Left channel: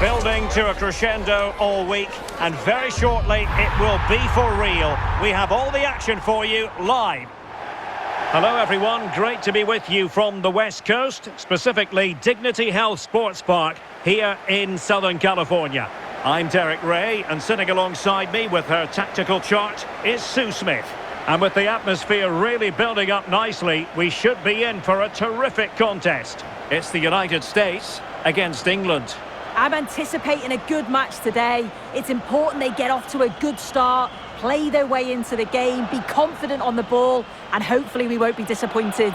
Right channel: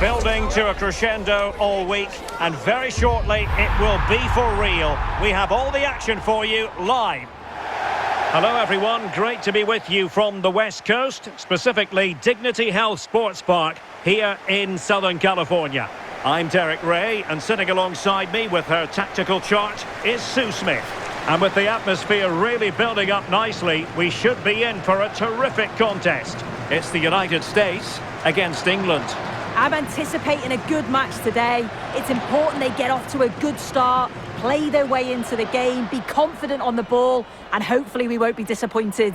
Building to a crescendo all week, and very shortly it will be for real. We have all the action for you live. Hello everyone, great to be with you from the West Coast, specifically Dignity Health Sports Park here in Southern California. I'm Derek Ray, and sitting alongside me with her tactical chart is Sue Smith. And with the atmosphere really building up nicely, we should be in for a terrific contest. It's the United States against England. I'm anticipating a good match today. It's important they get off to a good start, play their way into the game, be confident on the ball, and hopefully we won't be disappointed.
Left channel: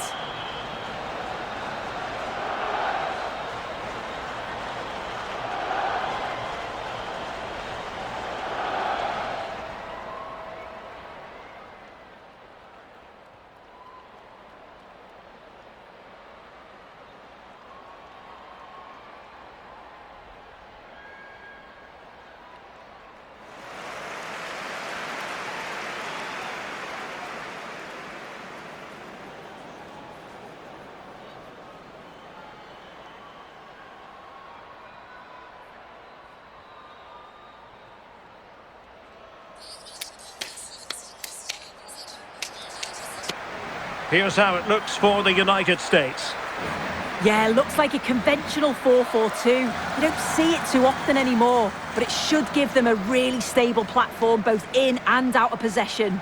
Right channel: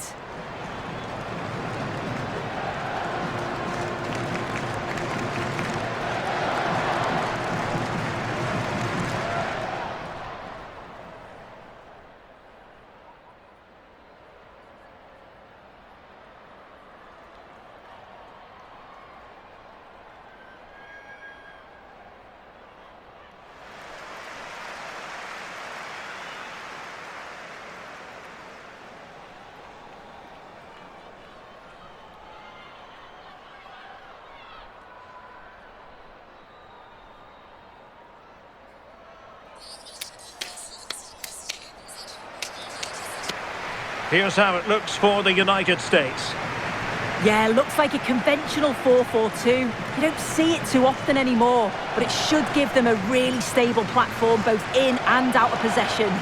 Here's how it looks for the United States. Yeah, looks like a conventional 4-4-2. You don't see it too often anymore, but it should give them a really stable platform both in and out of possession.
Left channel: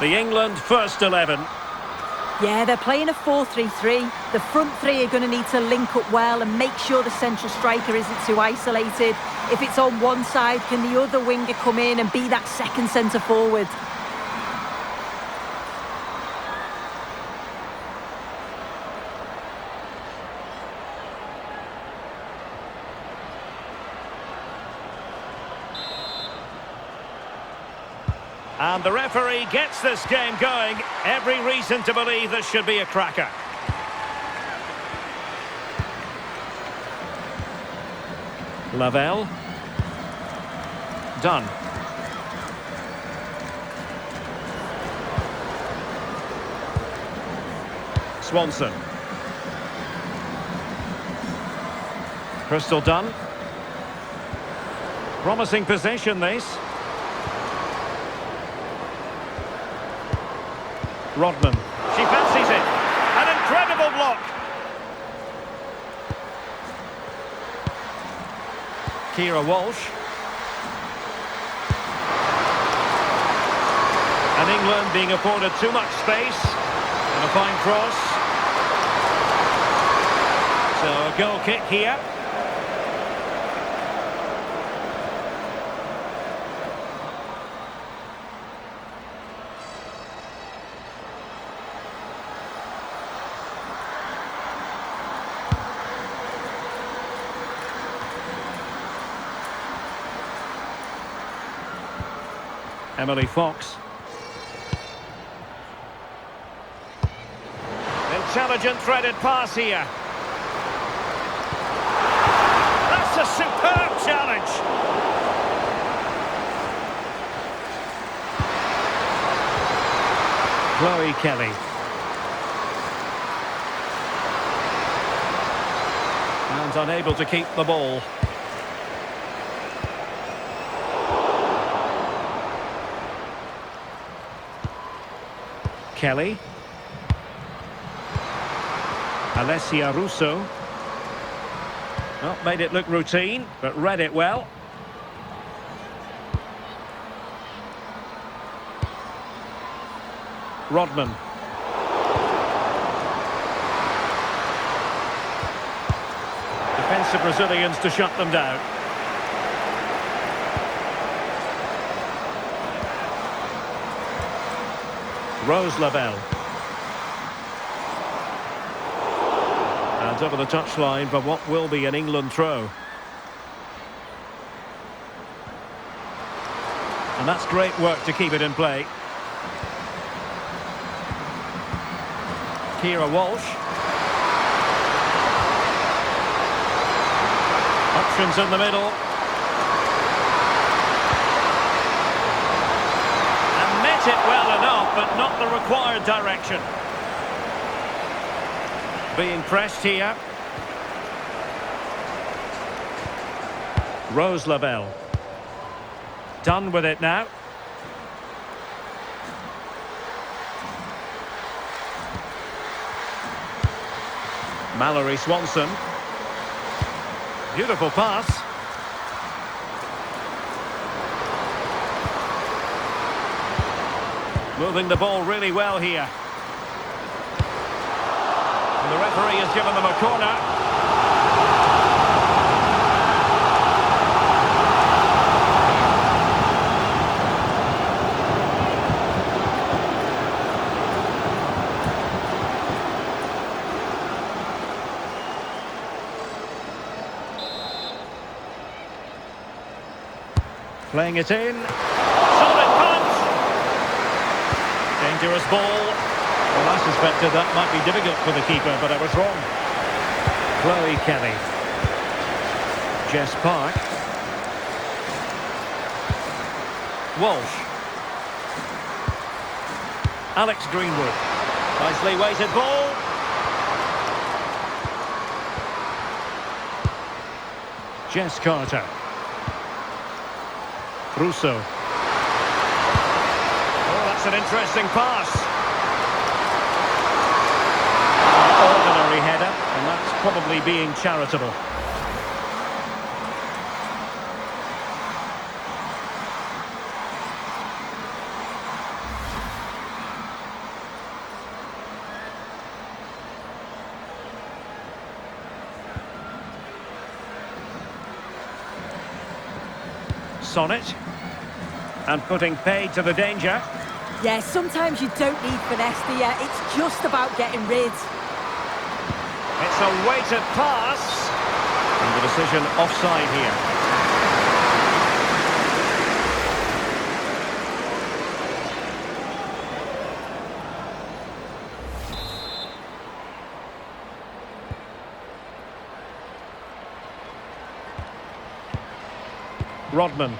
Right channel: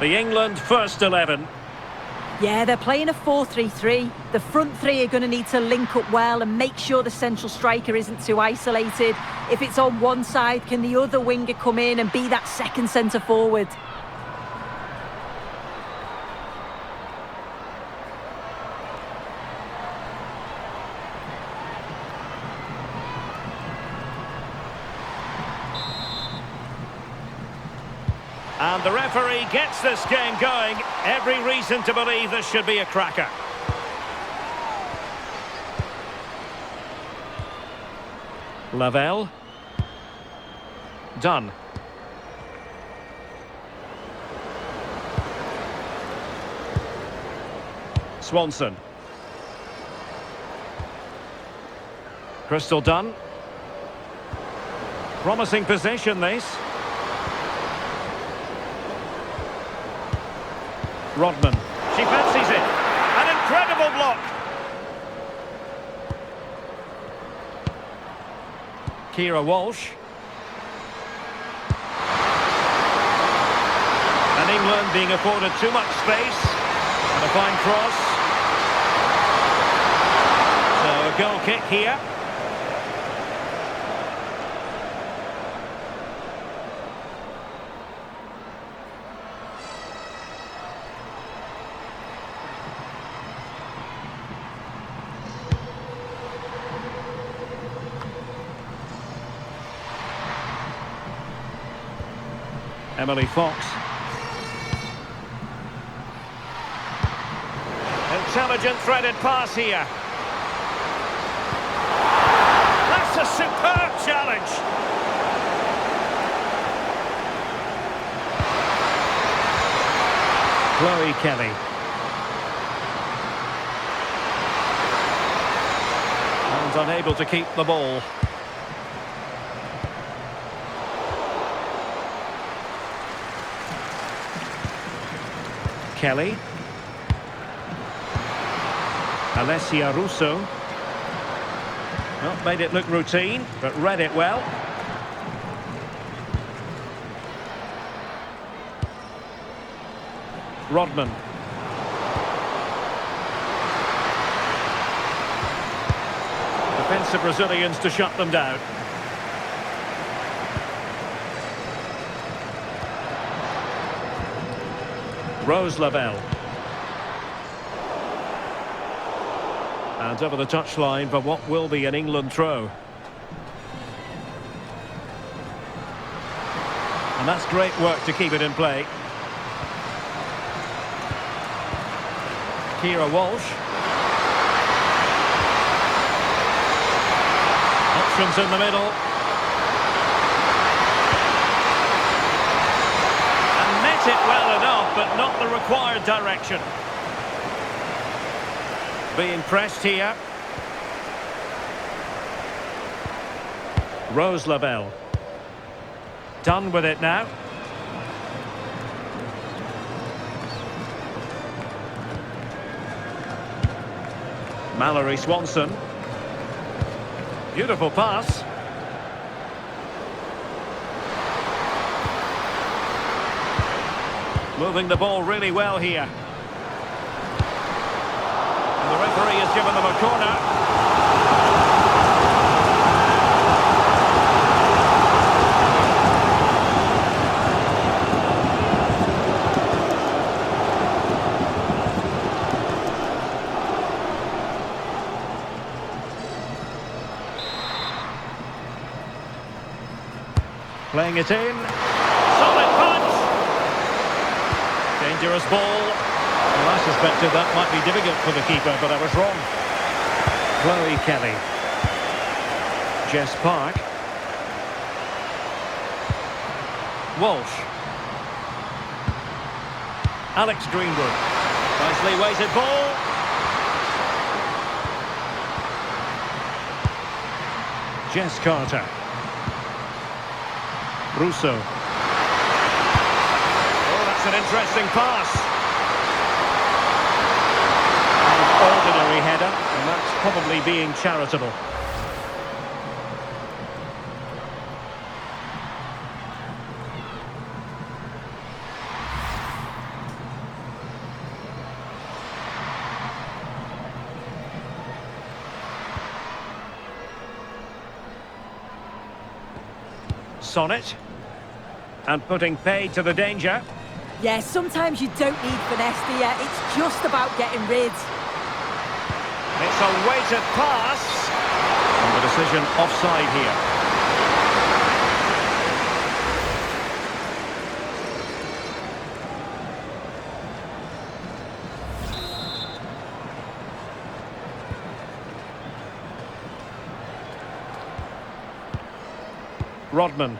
The England first 11. Yeah, they're playing a 4-3-3. The front three are going to need to link up well and make sure the central striker isn't too isolated. If it's on one side, can the other winger come in and be that second centre forward? And the referee gets this game going. Every reason to believe this should be a cracker. Lavelle. Done. Swanson. Crystal Dunn. Promising position, this. Rodman. She fancies it. An incredible block. Kira Walsh. And England being afforded too much space. And a fine cross. So a goal kick here. Emily Fox. Intelligent threaded pass here. That's a superb challenge. Chloe Kelly. And unable to keep the ball. Kelly. Alessia Russo. Well, made it look routine, but read it well. Rodman. Defensive Brazilians to shut them down. Rose Lavelle. And over the touchline for what will be an England throw. And that's great work to keep it in play. Kira Walsh. Options in the middle. And met it well enough, but not the required direction. Being pressed here. Rose Lavelle. Done with it now. Mallory Swanson. Beautiful pass. Moving the ball really well here. And the referee has given them a corner. Playing it in. Solid punch. Dangerous ball. Well, I suspected that might be difficult for the keeper, but I was wrong. Chloe Kelly. Jess Park. Walsh. Alex Greenwood. Nicely weighted ball. Jess Carter. Russo. Oh, that's an interesting pass. An ordinary header, and that's probably being charitable. Sonnet. And putting paid to the danger. Yeah, sometimes you don't need finesse, do you? It's just about getting rid. It's a weighted pass. And the decision offside here. Rodman.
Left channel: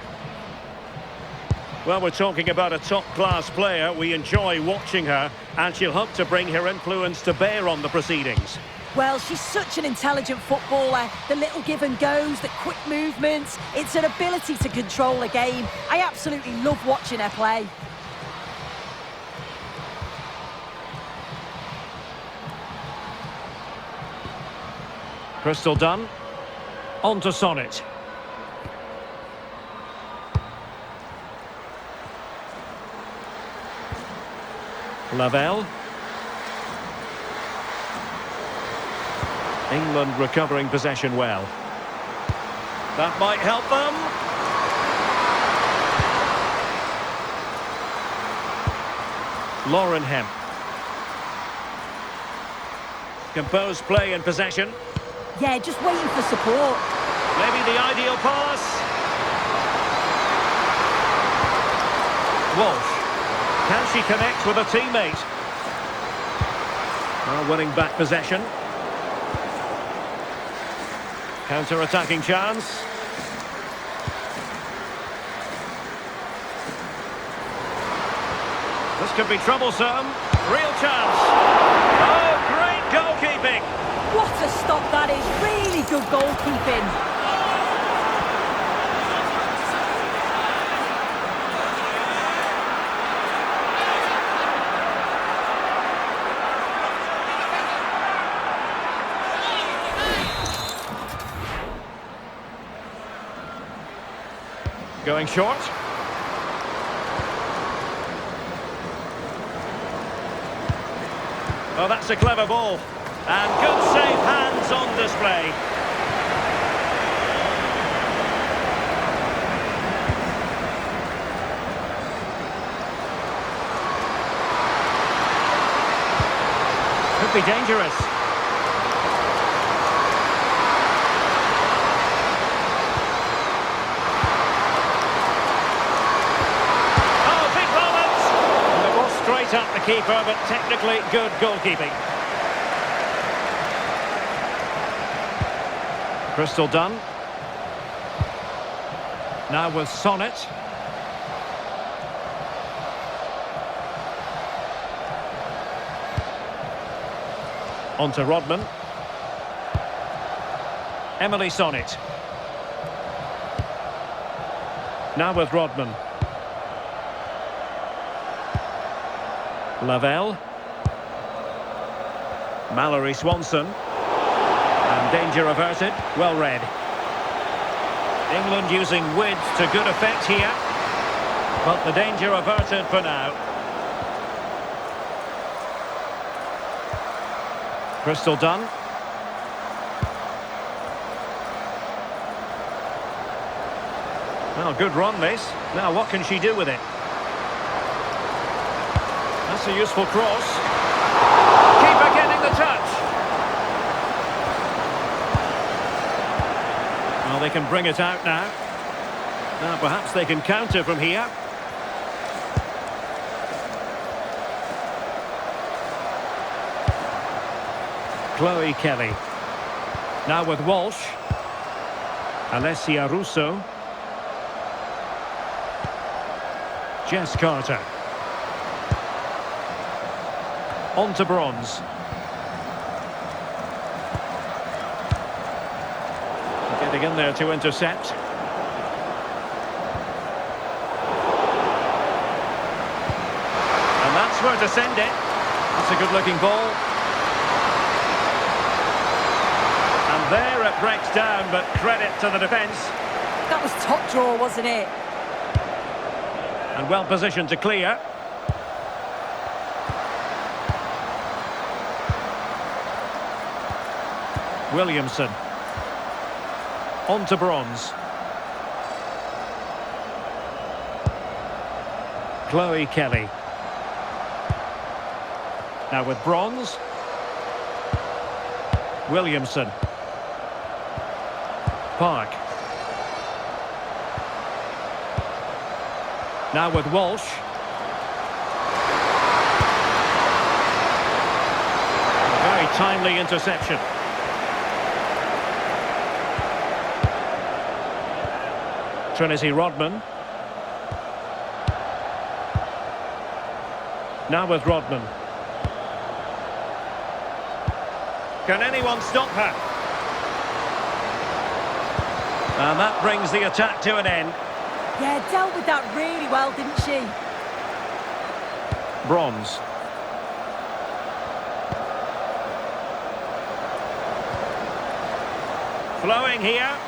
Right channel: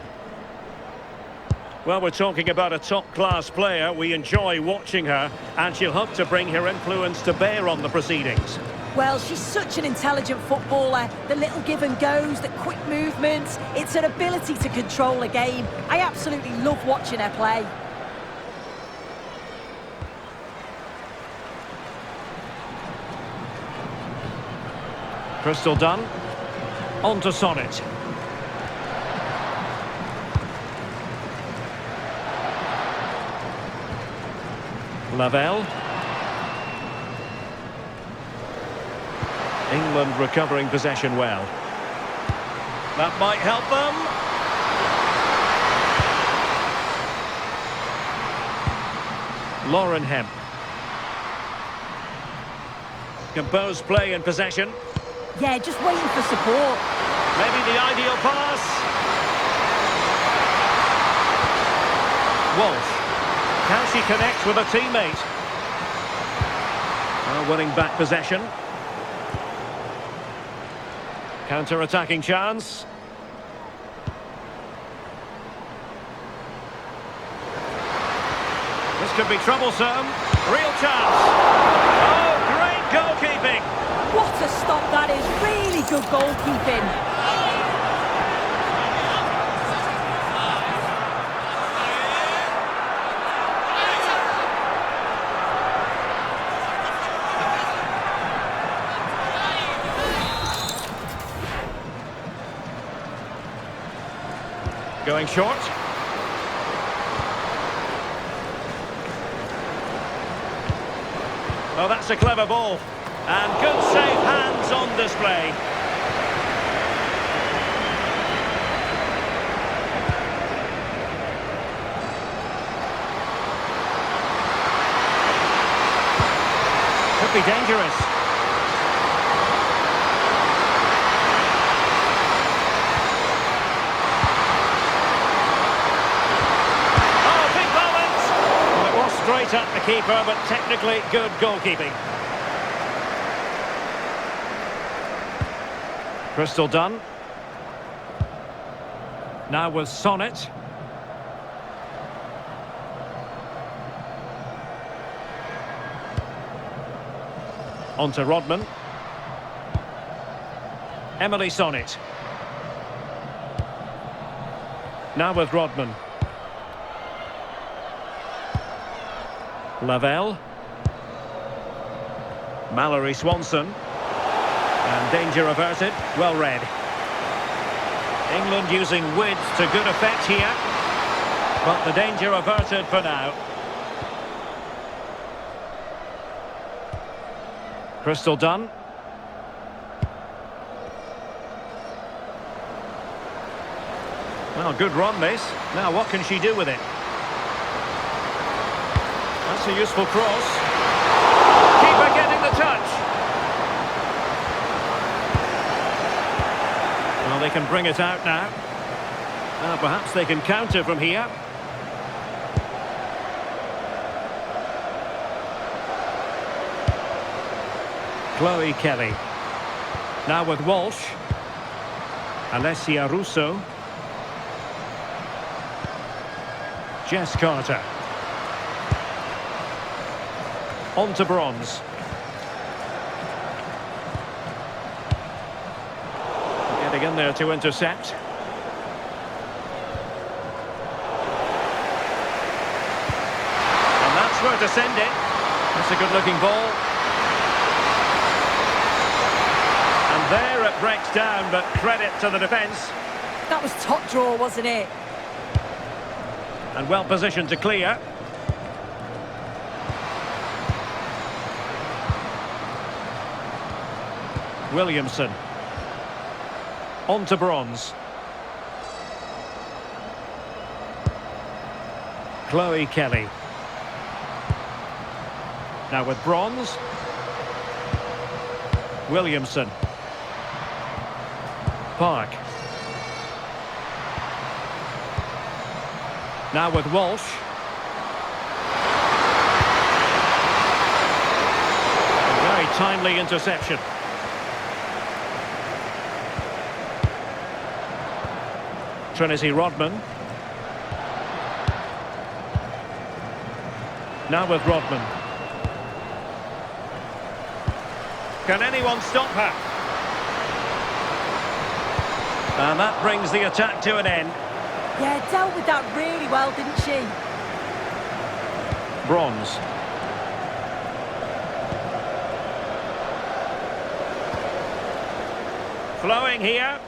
Well, we're talking about a top-class player. We enjoy watching her, and she'll hope to bring her influence to bear on the proceedings. Well, she's such an intelligent footballer. The little give and goes, the quick movements. It's her ability to control a game. I absolutely love watching her play. Crystal Dunn. On to Sonnet. Lavelle. England recovering possession well. That might help them. Lauren Hemp. Composed play in possession. Yeah, just waiting for support. Maybe the ideal pass. Walsh. Can she connect with a teammate? Well, winning back possession. Counter-attacking chance. This could be troublesome. Real chance. Oh, great goalkeeping. What a stop that is. Really good goalkeeping. Going short. Oh, that's a clever ball. And good safe hands on display. Could be dangerous. straight at the keeper, but technically good goalkeeping. Crystal done. Now with Sonnet. On to Rodman. Emily Sonnet. Now with Rodman. Lavelle. Mallory Swanson. And danger averted. Well read. England using width to good effect here. But the danger averted for now. Crystal done. Well, good run this. Now what can she do with it? That's a useful cross. Keeper getting the touch. Well, they can bring it out now. Now perhaps they can counter from here. Chloe Kelly. Now with Walsh. Alessia Russo. Jess Carter. On to Bronze. Getting in there to intercept. And that's where to send it. That's a good-looking ball. And there it breaks down, but credit to the defence. That was top draw, wasn't it? And well positioned to clear. Williamson. On to Bronze. Chloe Kelly. Now with Bronze. Williamson. Park. Now with Walsh. A very timely interception. Trinity Rodman. Now with Rodman. Can anyone stop her? And that brings the attack to an end. Yeah, dealt with that really well, didn't she? Bronze. Flowing here.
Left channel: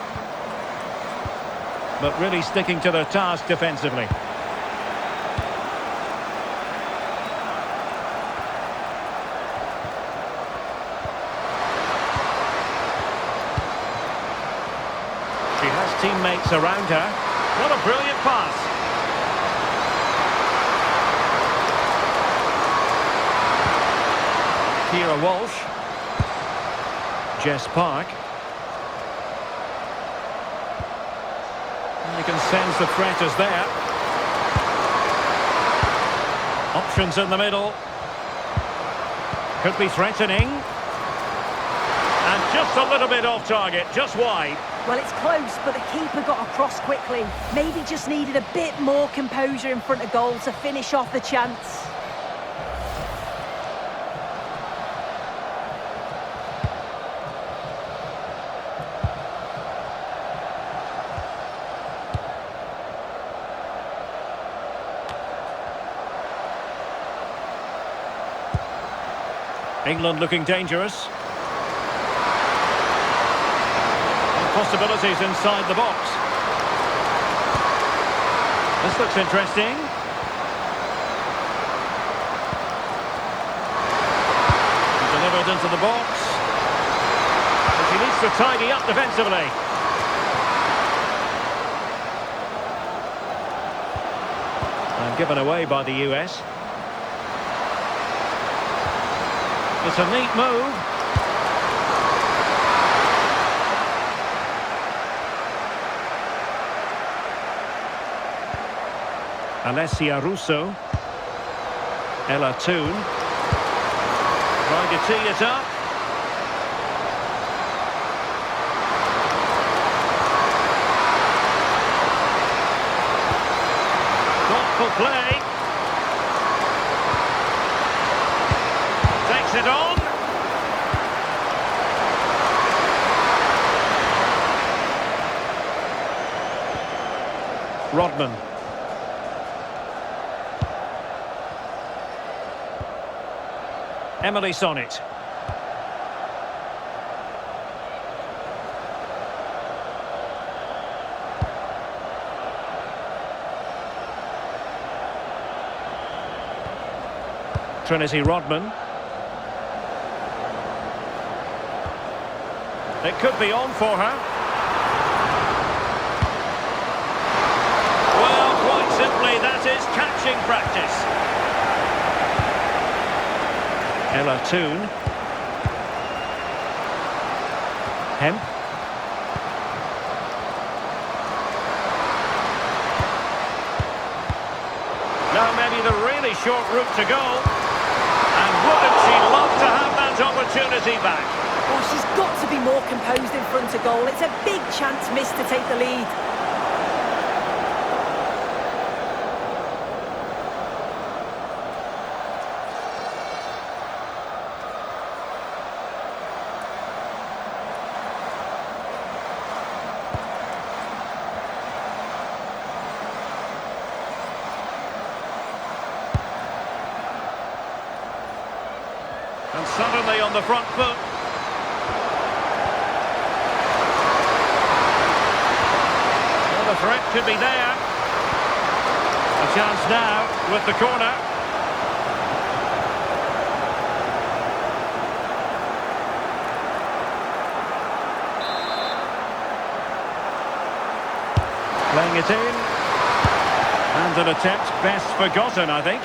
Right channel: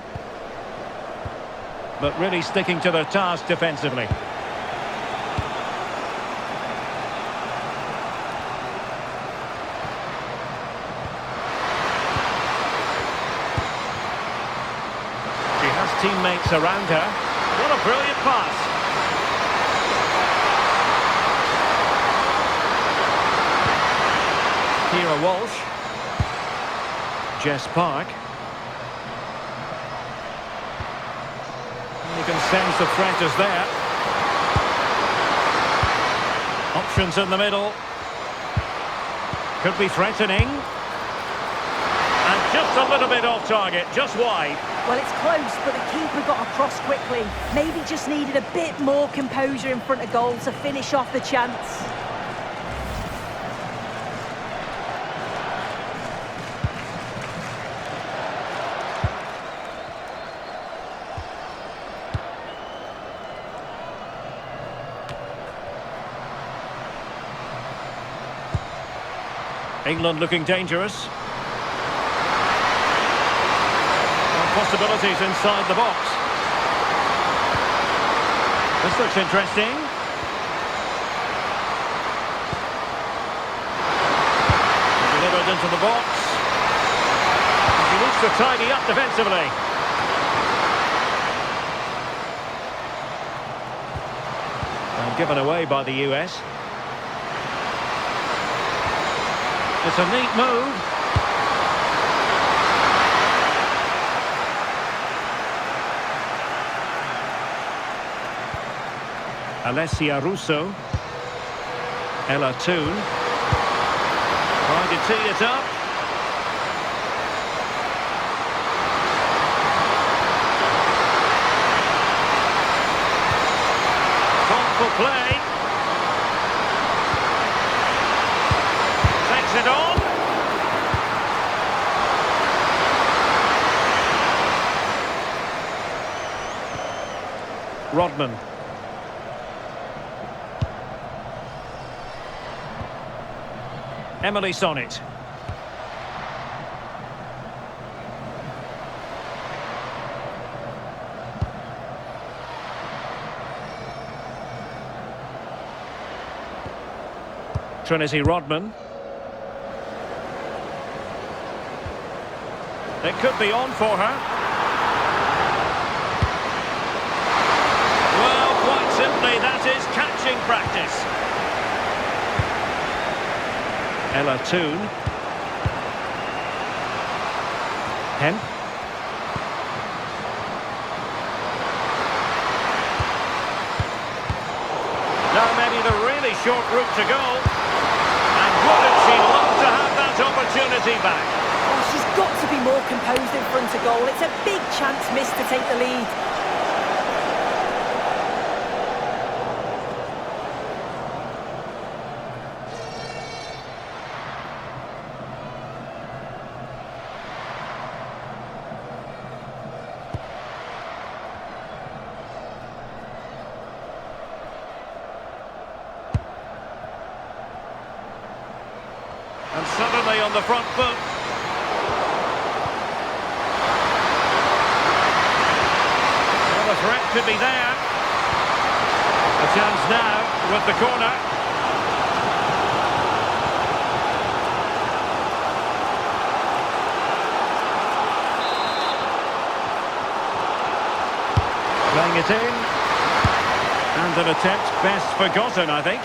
But really sticking to their task defensively. She has teammates around her. What a brilliant pass. Kira Walsh. Jess Park. You can sense the threat is there. Options in the middle. Could be threatening. And just a little bit off target, just wide. Well, it's close, but the keeper got across quickly. Maybe just needed a bit more composure in front of goal to finish off the chance. England looking dangerous. Possibilities inside the box. This looks interesting. Delivered into the box. And she needs to tidy up defensively. And given away by the US. It's a neat move. Alessia Russo. Ella Toon. Trying to tee it up. Thoughtful play. Takes it on. Rodman. Emily Sonnet. Trinity Rodman. It could be on for her. Well, quite simply, that is catching practice. Ella Toon. Hemp. Now maybe the really short route to goal. And wouldn't she love to have that opportunity back? Oh, she's got to be more composed in front of goal. It's a big chance missed to take the lead. And suddenly on the front foot. Well, the threat could be there. A chance now with the corner. Playing it in. And an attempt best forgotten, I think.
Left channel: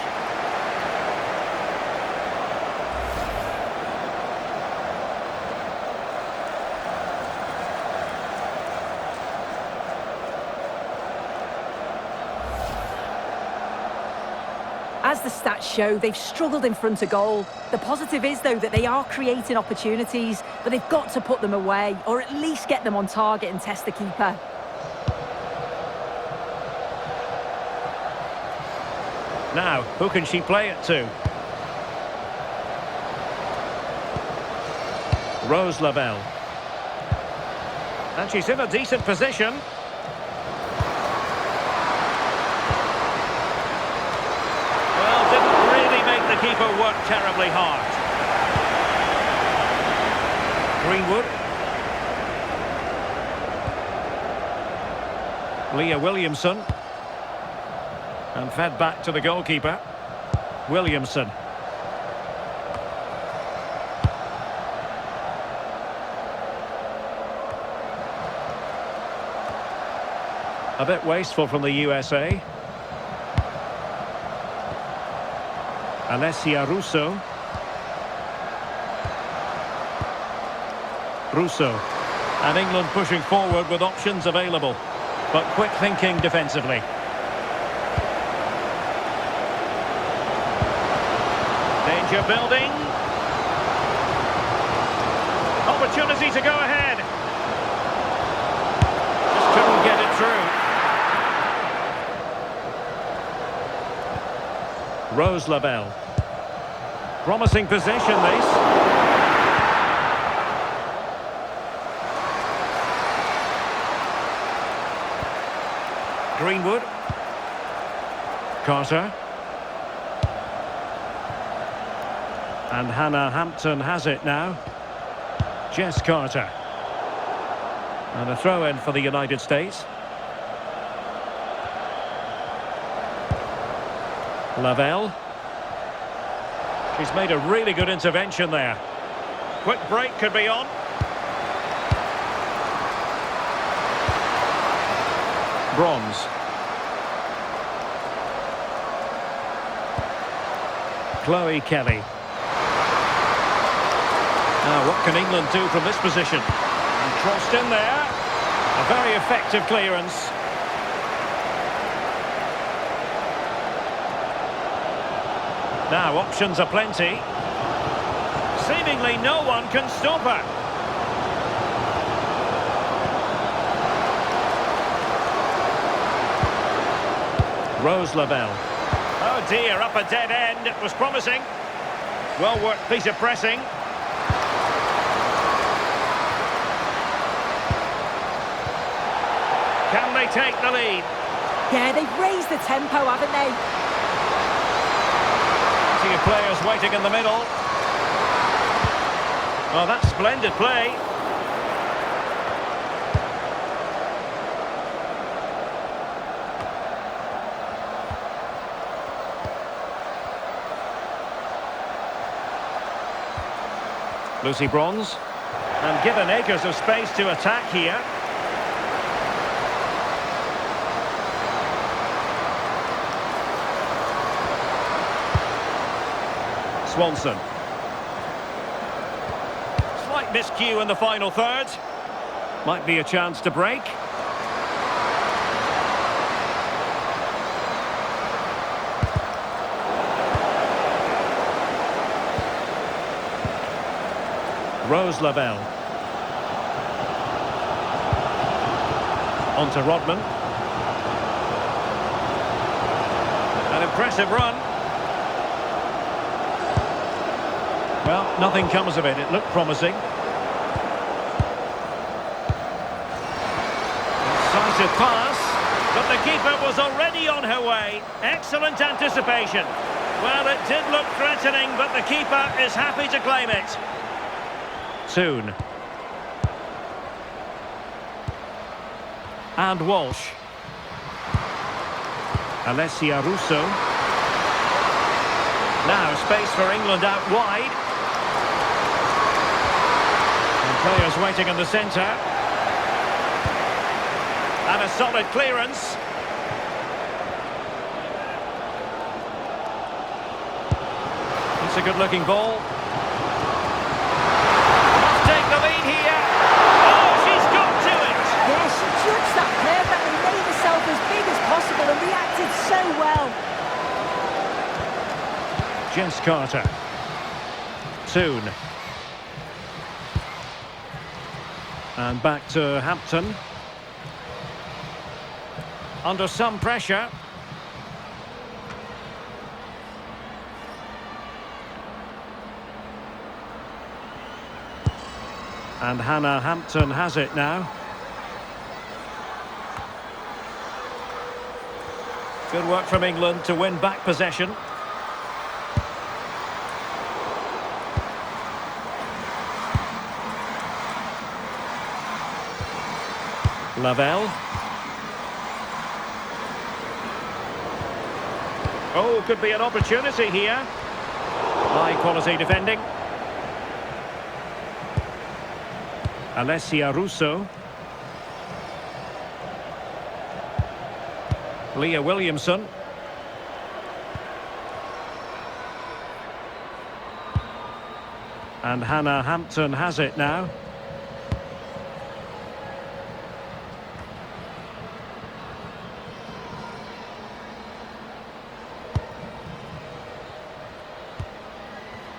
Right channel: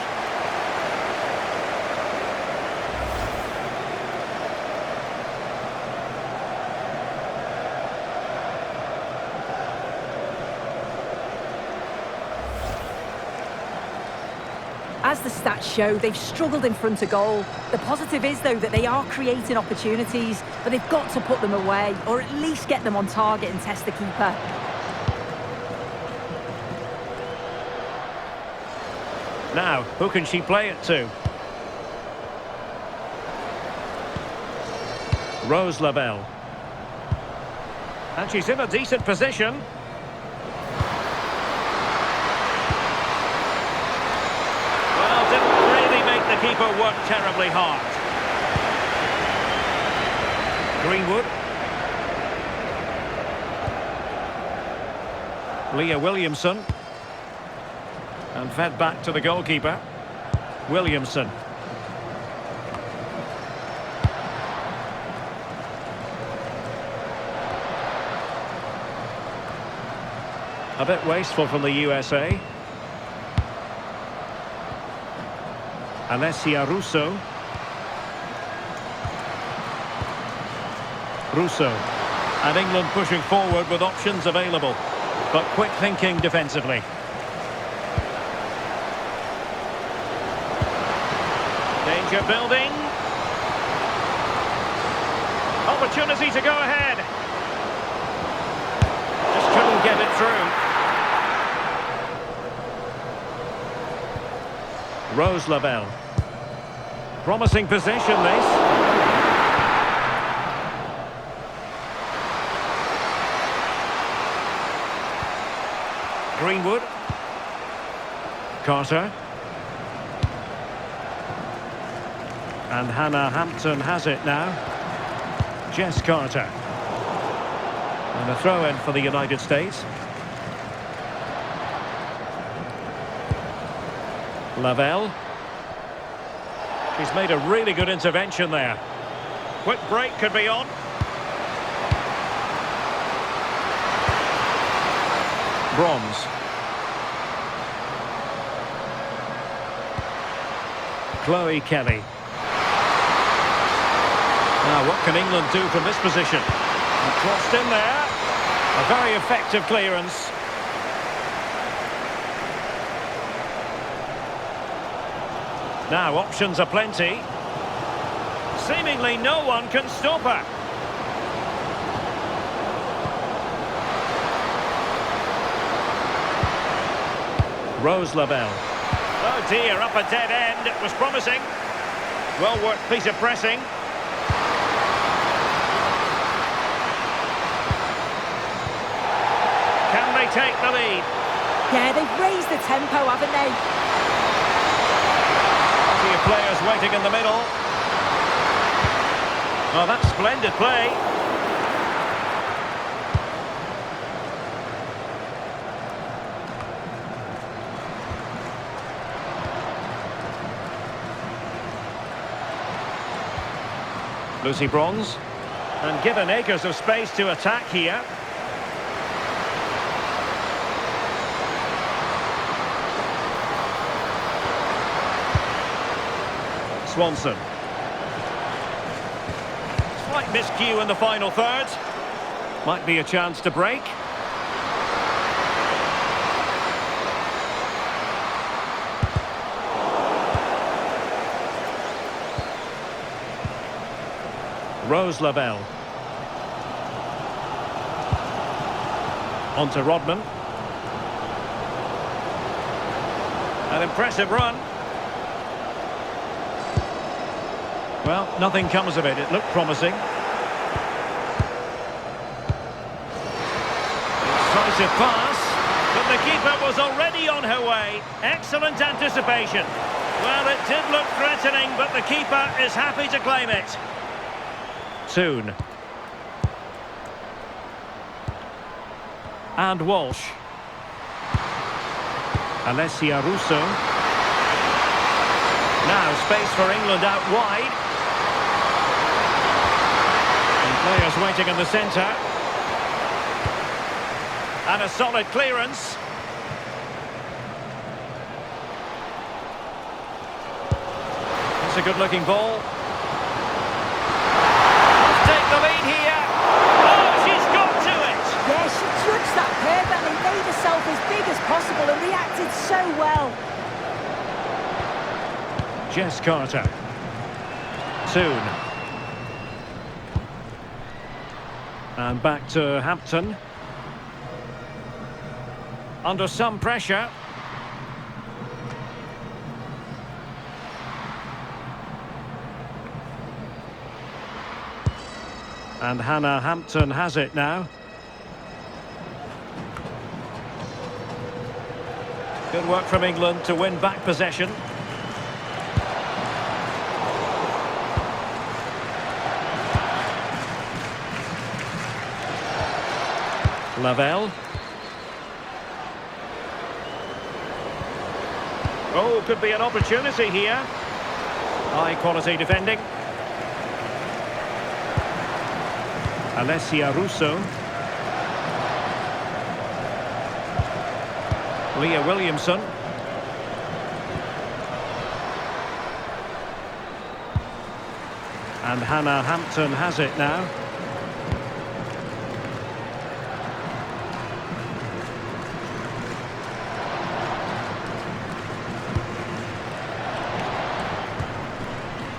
As the stats show, they've struggled in front of goal. The positive is, though, that they are creating opportunities, but they've got to put them away, or at least get them on target and test the keeper. Now, who can she play it to? Rose Lavelle. And she's in a decent position. Well, didn't really make the keeper work terribly hard. Greenwood. Leah Williamson. And fed back to the goalkeeper. Williamson. A bit wasteful from the USA. Alessia Russo. Russo. And England pushing forward with options available. But quick thinking defensively. Danger building. Opportunity to go ahead. Just couldn't get it through. Rose Lavelle. Promising possession, this. Greenwood. Carter. And Hannah Hampton has it now. Jess Carter. And a throw-in for the United States. Lavelle. She's made a really good intervention there. Quick break could be on. Bronze. Chloe Kelly. Now, what can England do from this position? And crossed in there. A very effective clearance. Now, options are plenty. Seemingly no one can stop her. Rose Lavelle. Oh dear, up a dead end. It was promising. Well worked piece of pressing. Can they take the lead? Yeah, they've raised the tempo, haven't they? Plenty of players waiting in the middle. Oh, that's splendid play. Lucy Bronze. And given acres of space to attack here. Swanson. Slight miscue in the final third. Might be a chance to break. Rose Lavelle. On to Rodman. An impressive run. Well, nothing comes of it. It looked promising. Incisive pass, but the keeper was already on her way. Excellent anticipation. Well, it did look threatening, but the keeper is happy to claim it. Soon. And Walsh. Alessia Russo. Now space for England out wide. And players waiting in the centre. And a solid clearance. It's a good-looking ball. Must take the lead here. Oh, she's got to it! Yeah, she judged that perfectly, made herself as big as possible and reacted so well. Jess Carter. Soon. And back to Hampton. Under some pressure. And Hannah Hampton has it now. Good work from England to win back possession. Lavelle. Oh, could be an opportunity here. High quality defending. Alessia Russo. Leah Williamson. And Hannah Hampton has it now.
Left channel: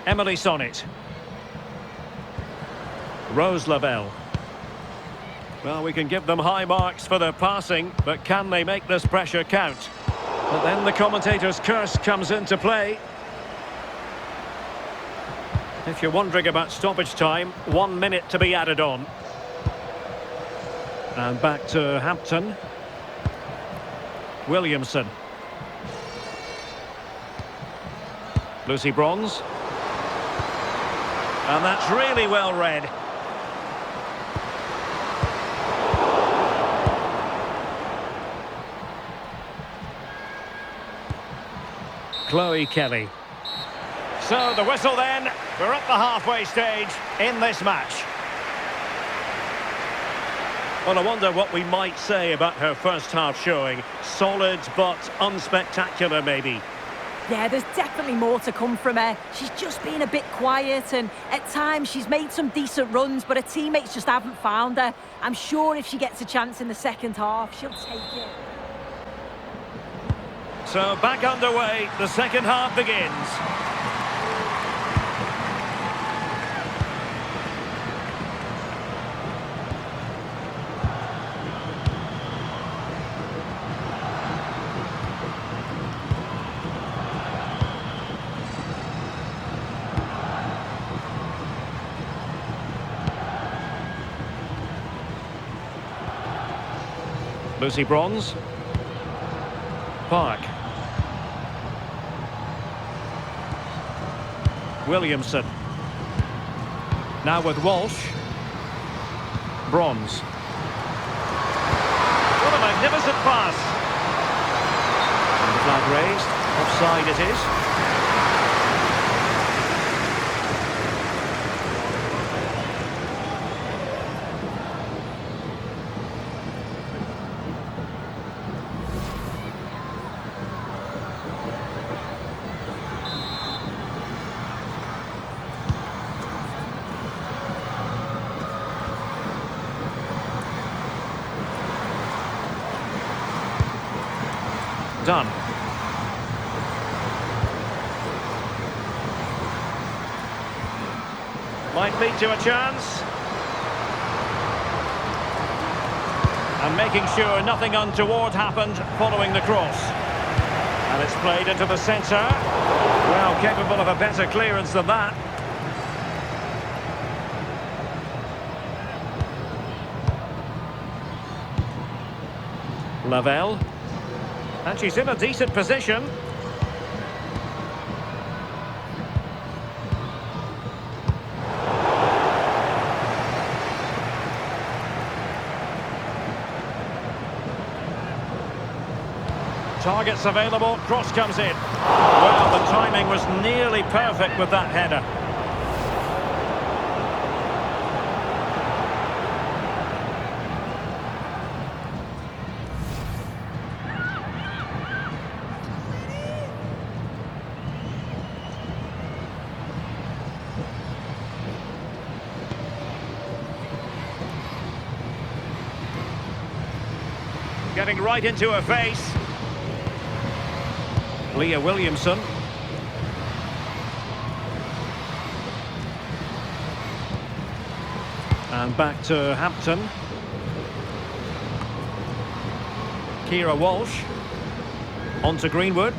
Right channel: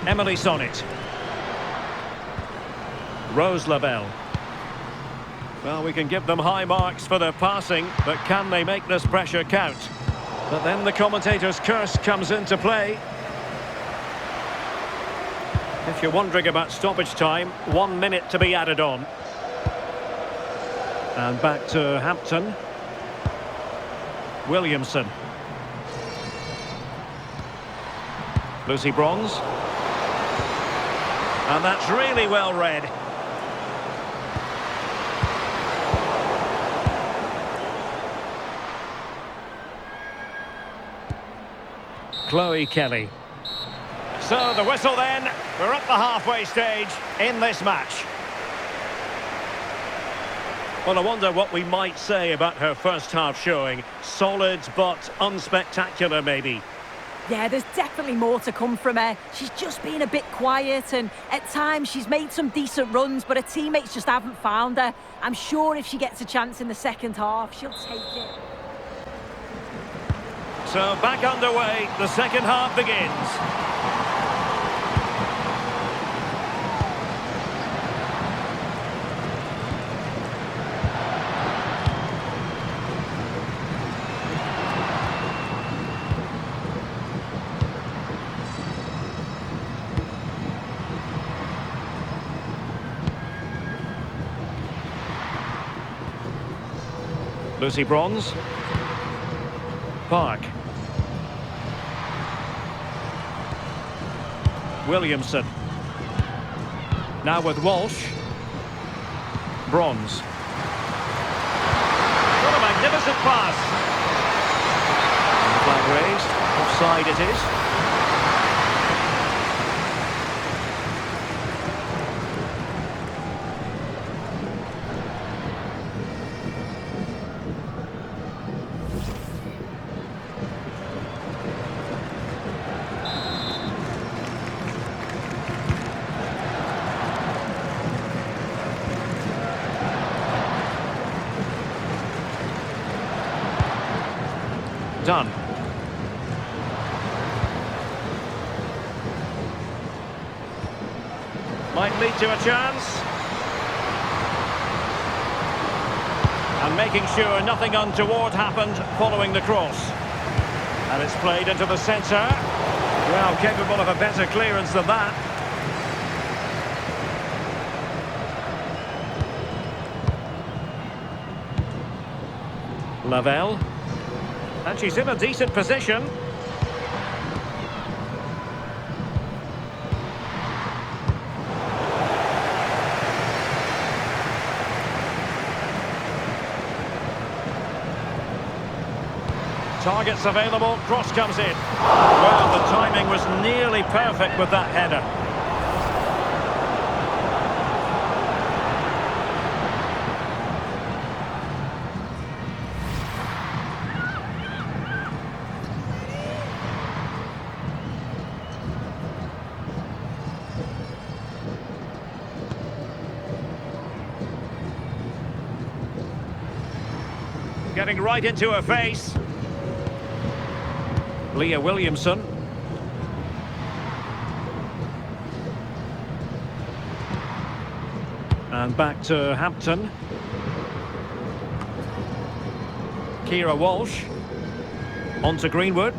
Emily Sonnet. Rose Lavelle. Well, we can give them high marks for their passing, but can they make this pressure count? But then the commentator's curse comes into play. If you're wondering about stoppage time, 1 minute to be added on. And back to Hampton. Williamson. Lucy Bronze. And that's really well read. Chloe Kelly. So the whistle then. We're up the halfway stage in this match. Well, I wonder what we might say about her first half showing. Solid but unspectacular maybe. Yeah, there's definitely more to come from her. She's just been a bit quiet and at times she's made some decent runs, but her teammates just haven't found her. I'm sure if she gets a chance in the second half, she'll take it. So back underway, the second half begins. Lucy Bronze. Park. Williamson. Now with Walsh. Bronze. What a magnificent pass. And the flag raised. Offside it is. Done. Might lead to a chance. And making sure nothing untoward happened following the cross. And it's played into the centre. Well, capable of a better clearance than that. Lavelle. And she's in a decent position. Targets available, cross comes in. Well, the timing was nearly perfect with that header. Getting right into her face. Leah Williamson. And back to Hampton. Kira Walsh. On to Greenwood.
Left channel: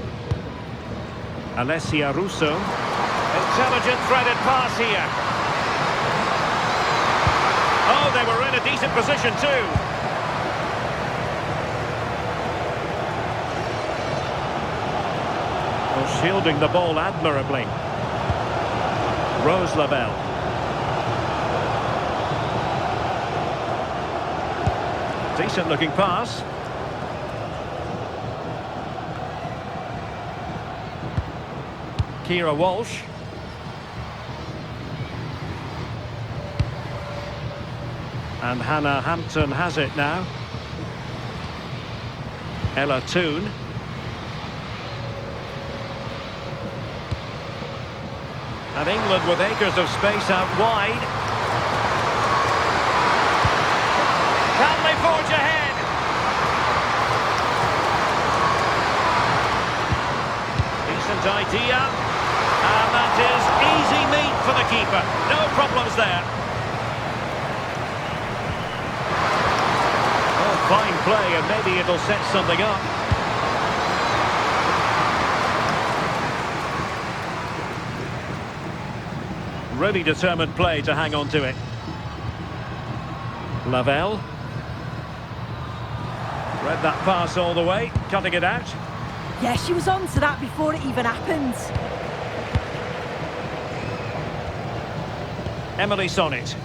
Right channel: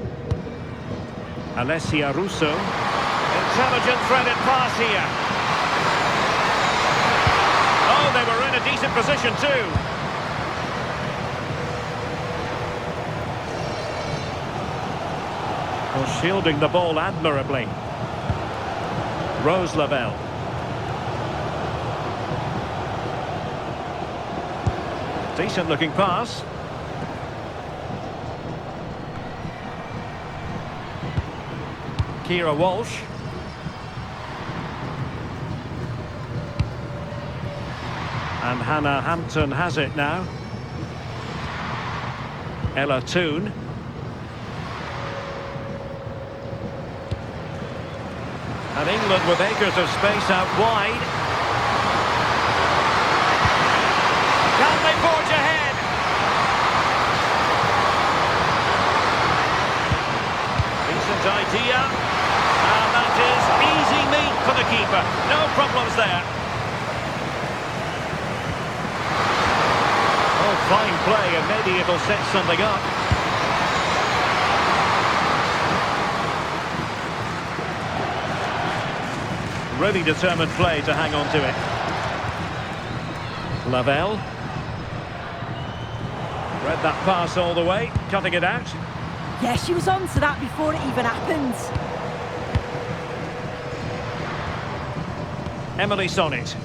Alessia Russo. Intelligent threaded pass here. Oh, they were in a decent position too. Well, shielding the ball admirably. Rose Lavelle. Decent looking pass. Kira Walsh. And Hannah Hampton has it now. Ella Toone. And England with acres of space out wide. Can they forge ahead? Decent idea. And that is easy meat for the keeper. No problems there. Oh, fine play, and maybe it'll set something up. Really determined play to hang on to it. Lavelle. Read that pass all the way, cutting it out. Yeah, she was on to that before it even happened. Emily Sonnet.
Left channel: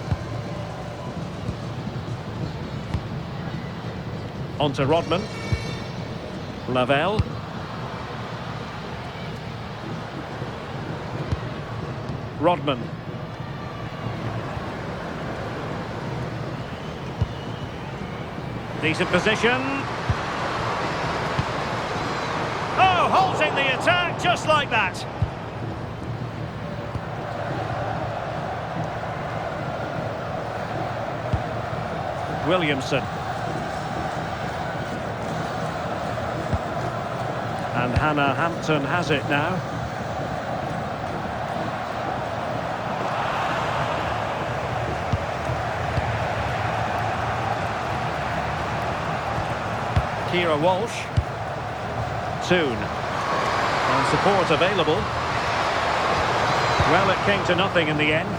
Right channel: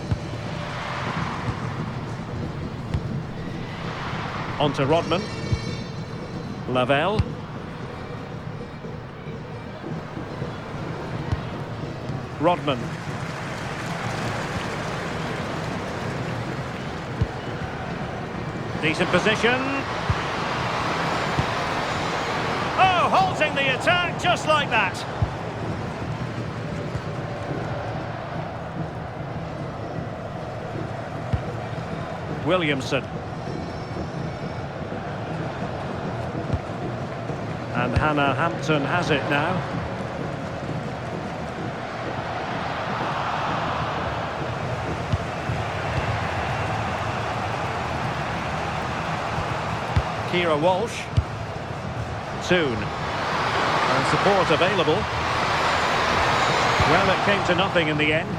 On to Rodman. Lavelle. Rodman. Decent position. Oh, halting the attack just like that. Williamson. And Hannah Hampton has it now. Kira Walsh. Toon. And support available. Well, it came to nothing in the end.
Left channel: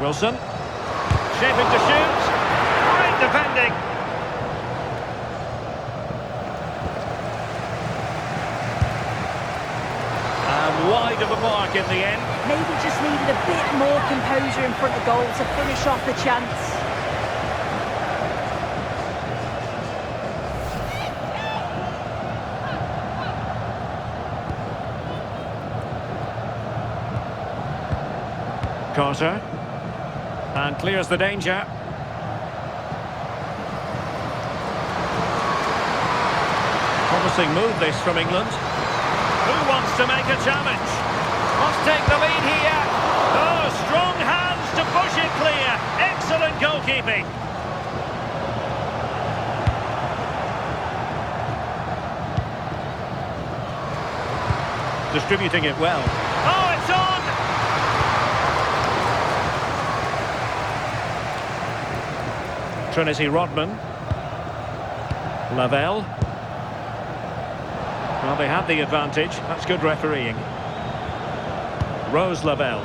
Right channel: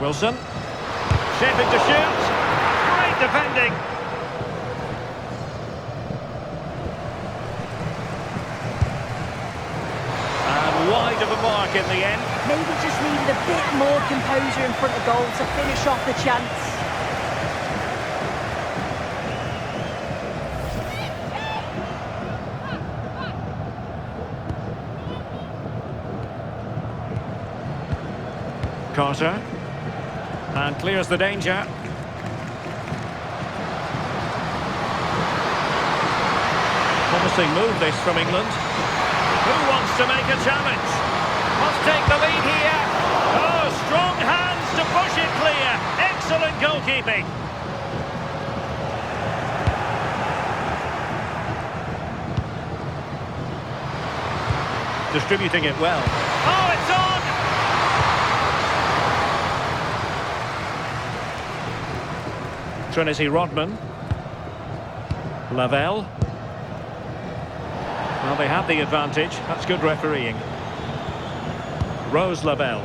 Wilson. Shaping to shoot. Great defending. And wide of the mark in the end. Maybe just needed a bit more composure in front of goal to finish off the chance. Carter. And clears the danger. Promising move this from England. Who wants to make a challenge? Must take the lead here. Oh, strong hands to push it clear. Excellent goalkeeping. Distributing it well. Oh, it's on! Trinity Rodman. Lavelle. Well, they had the advantage. That's good refereeing. Rose Lavelle.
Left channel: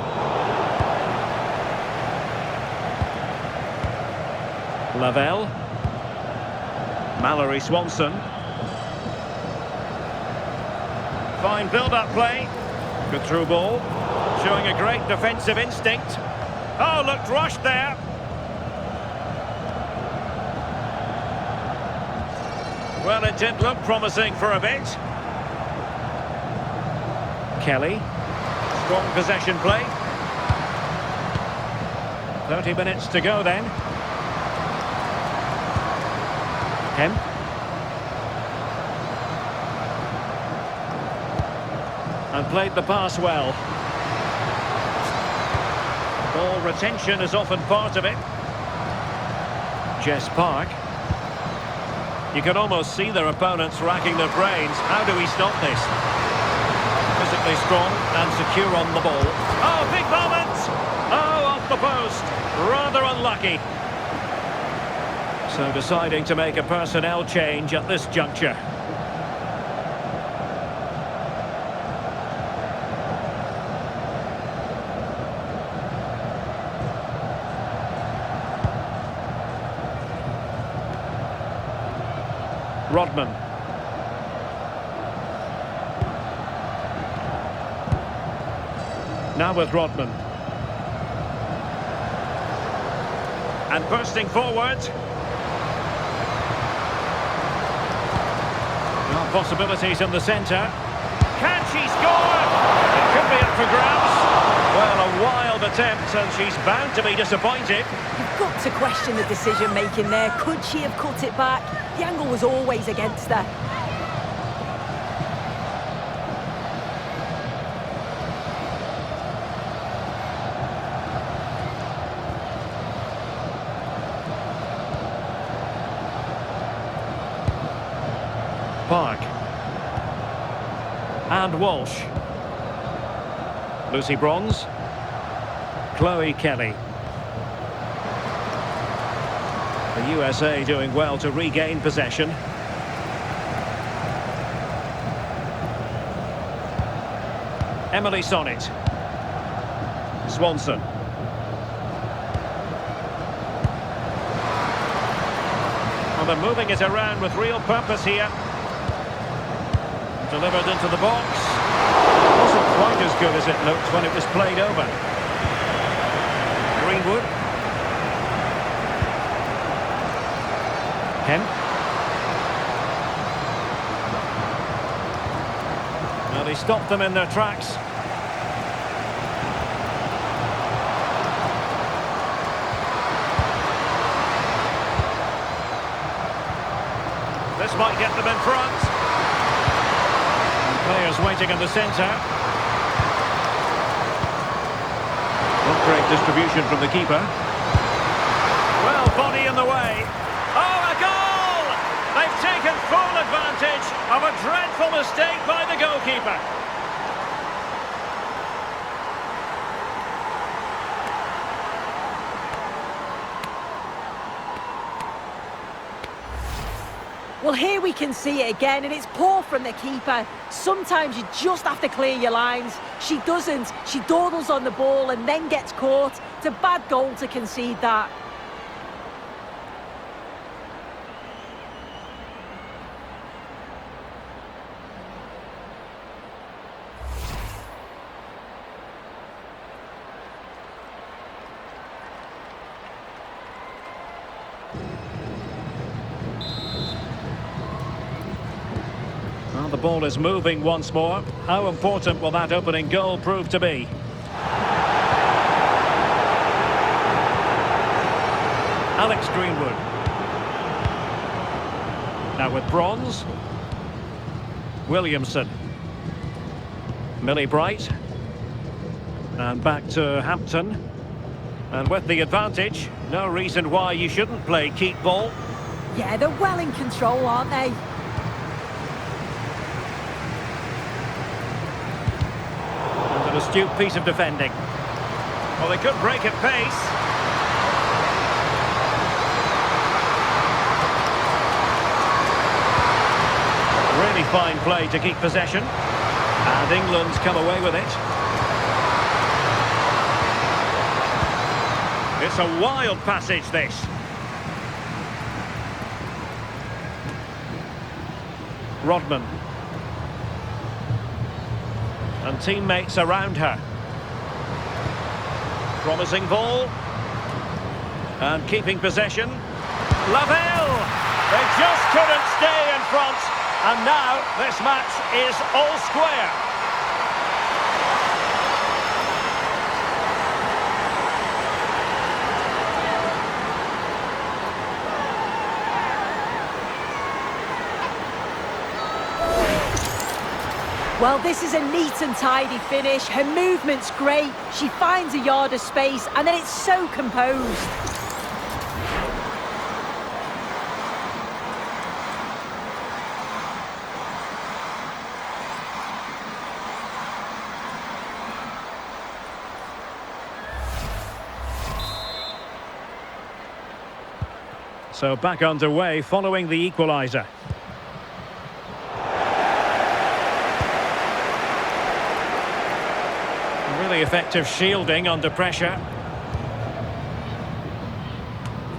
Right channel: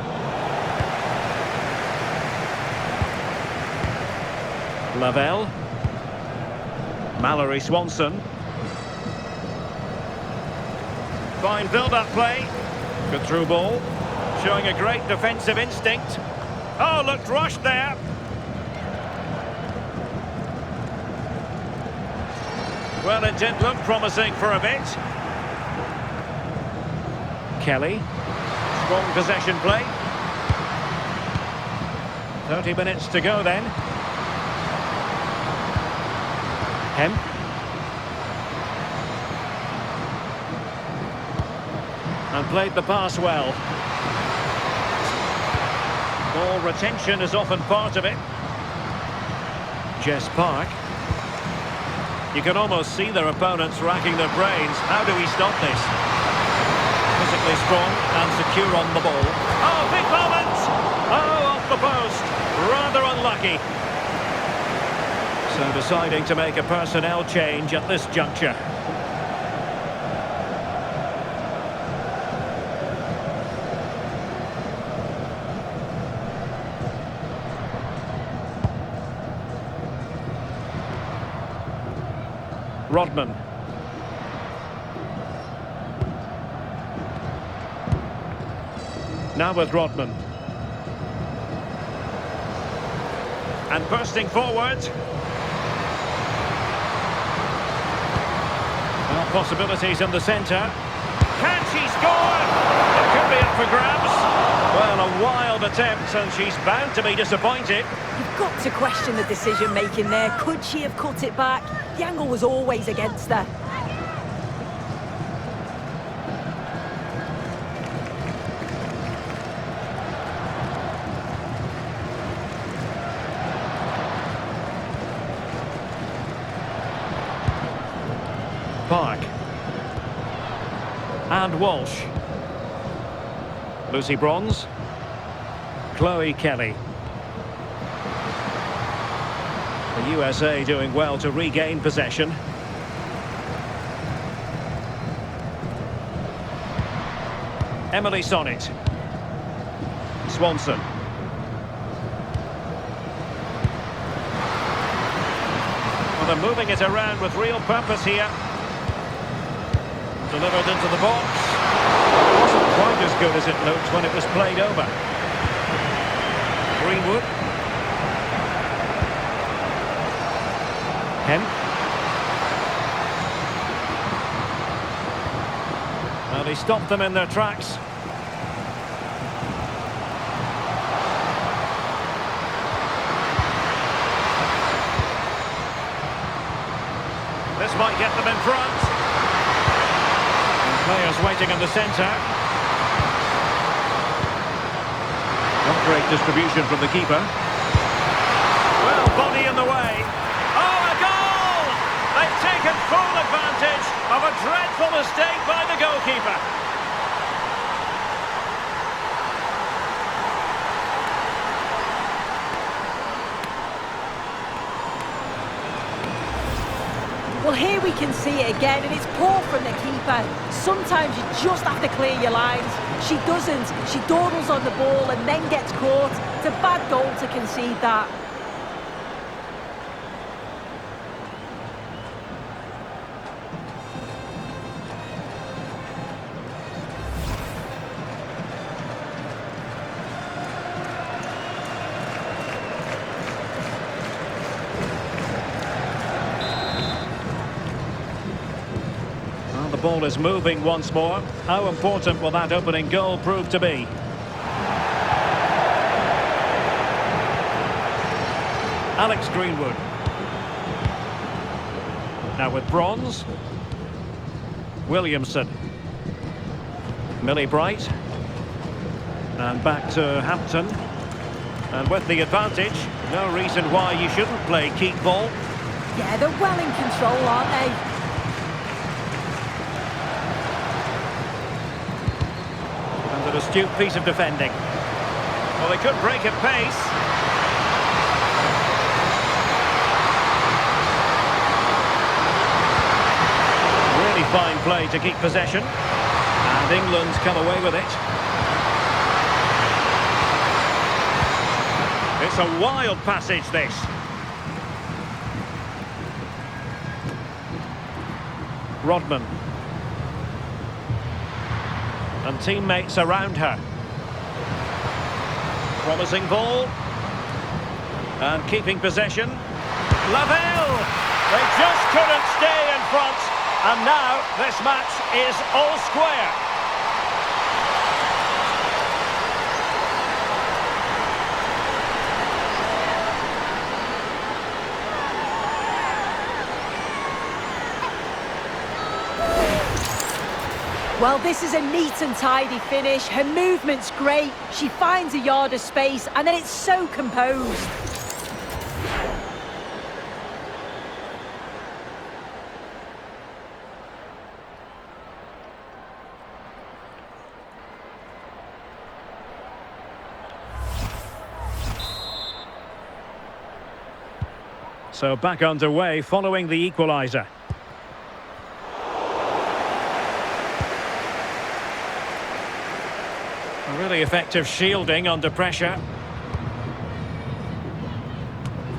Lavelle. Mallory Swanson. Fine build-up play. Good through ball. Showing a great defensive instinct. Oh, looked rushed there. Well, it did look promising for a bit. Kelly. Strong possession play. 30 minutes to go then. Hemp. And played the pass well. Ball retention is often part of it. Jess Park. You can almost see their opponents racking their brains. How do we stop this? Physically strong and secure on the ball. Oh, big moment! Oh, off the post. Rather unlucky. So deciding to make a personnel change at this juncture. Rodman. Now with Rodman. And bursting forward. Well, possibilities in the centre. Can she score? It could be up for grabs. Well, a wild attempt, and she's bound to be disappointed. You've got to question the decision-making there. Could she have cut it back? The angle was always against her. Park. And Walsh. Lucy Bronze. Chloe Kelly. The USA doing well to regain possession. Emily Sonnet. Swanson. Well, they're moving it around with real purpose here. Delivered into the box. It wasn't quite as good as it looked when it was played over. Greenwood. Hemp. Well, he stopped them in their tracks. This might get them in front. And players waiting in the centre. Not great distribution from the keeper. body in the way. Oh, a goal! They've taken full advantage of a dreadful mistake by the goalkeeper. Well, here we can see it again, and it's poor from the keeper. Sometimes you just have to clear your lines. She doesn't. She dawdles on the ball and then gets caught. It's a bad goal to concede that. Well, the ball is moving once more. How important will that opening goal prove to be? Alex Greenwood. Now with Bronze. Williamson. Millie Bright. And back to Hampton. And with the advantage, no reason why you shouldn't play keep ball. Yeah, they're well in control, aren't they? And an astute piece of defending. Well, they could break at pace. Really fine play to keep possession. And England's come away with it. It's a wild passage, this. Rodman. And teammates around her. Promising ball. And keeping possession. Lavelle! They just couldn't stay in front. And now this match is all square. Well, this is a neat and tidy finish. Her movement's great. She finds a yard of space, and then it's so composed. So back underway following the equaliser. Really effective shielding under pressure.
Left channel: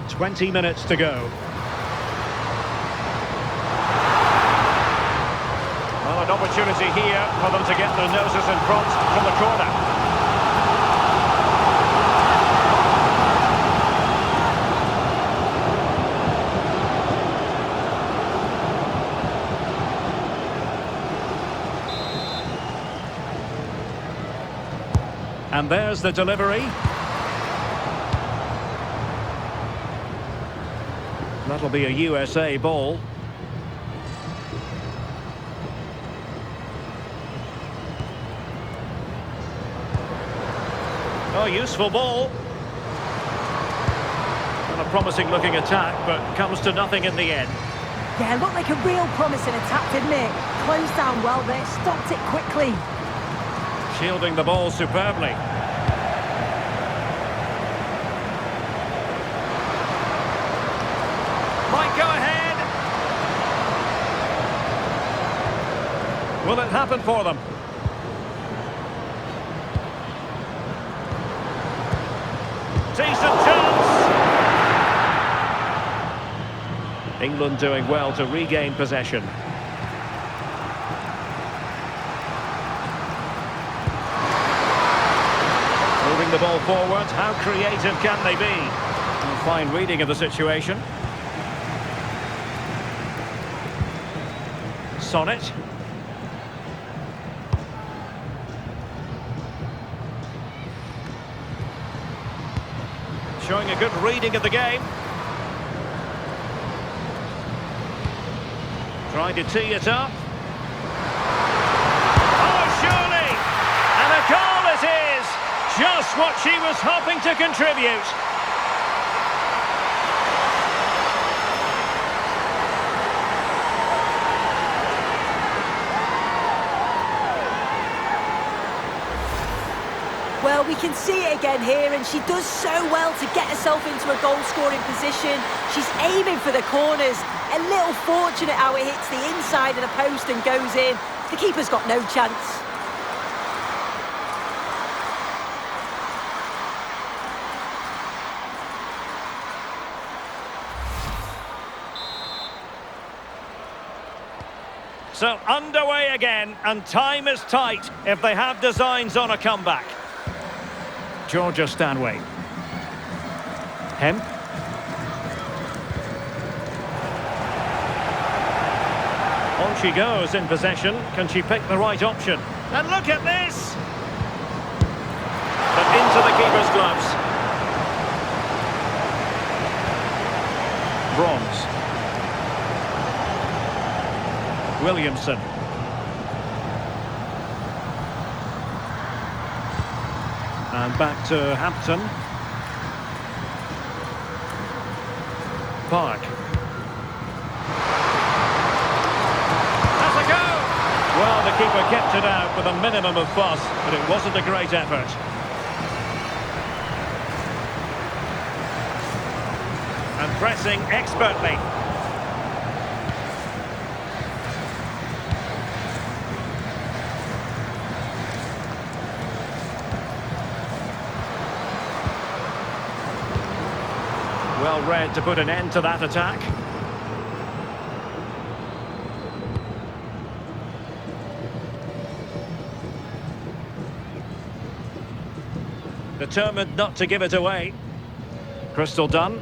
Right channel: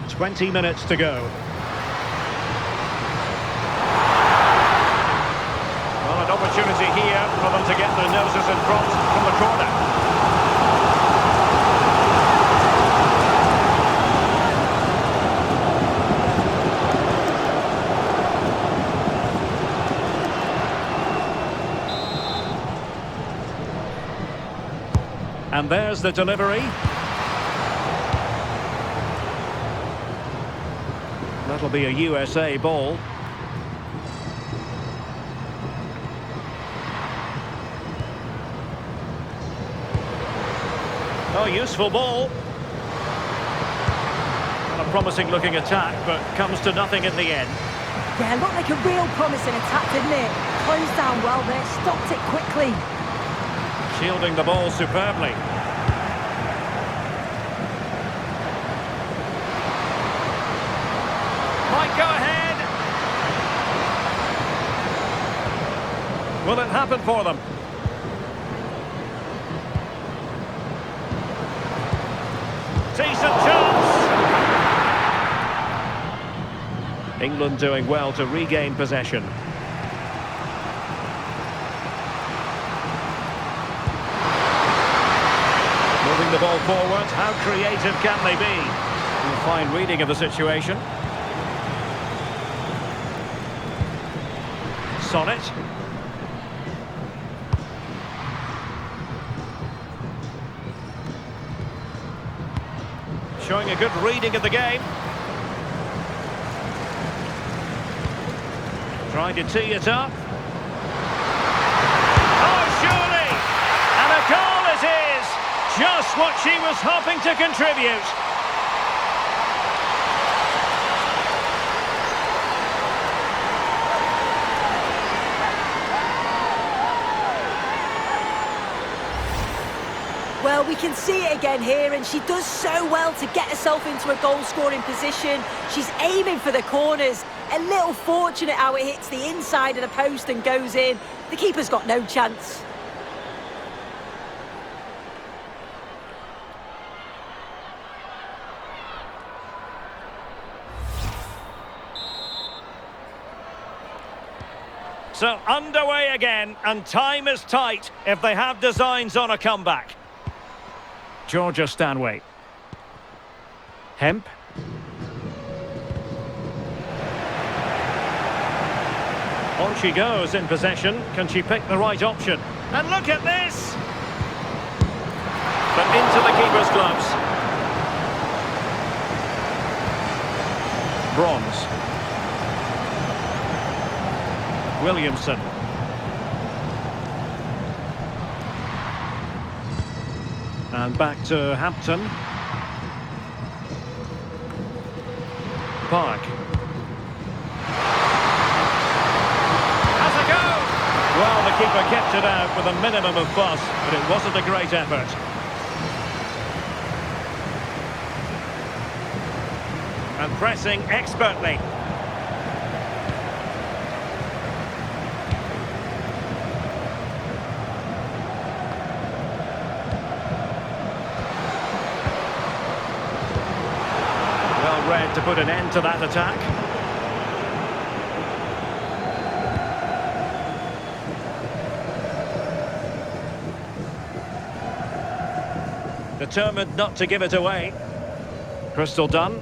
20 minutes to go. Well, an opportunity here for them to get their noses in front from the corner. And there's the delivery. That'll be a USA ball. Oh, useful ball. Well, a promising looking attack, but comes to nothing in the end. Yeah, looked like a real promising attack, didn't it? Closed down well there, stopped it quickly. Shielding the ball superbly. Might go ahead. Will it happen for them? Decent chance. England doing well to regain possession. Moving the ball forward, how creative can they be? A fine reading of the situation. Sonnet. Showing a good reading of the game. Trying to tee it up. Oh, surely! And a goal it is! Just what she was hoping to contribute. Well, we can see it again here, and she does so well to get herself into a goal-scoring position. She's aiming for the corners. A little fortunate how it hits the inside of the post and goes in. The keeper's got no chance. So underway again, and time is tight if they have designs on a comeback. Georgia Stanway. Hemp. On she goes in possession. Can she pick the right option? And look at this! But into the keeper's gloves. Bronze. Williamson. And back to Hampton. Park. Has a go! Well, the keeper kept it out with a minimum of fuss, but it wasn't a great effort. And pressing expertly. Well read to put an end to that attack. Determined not to give it away. Crystal done.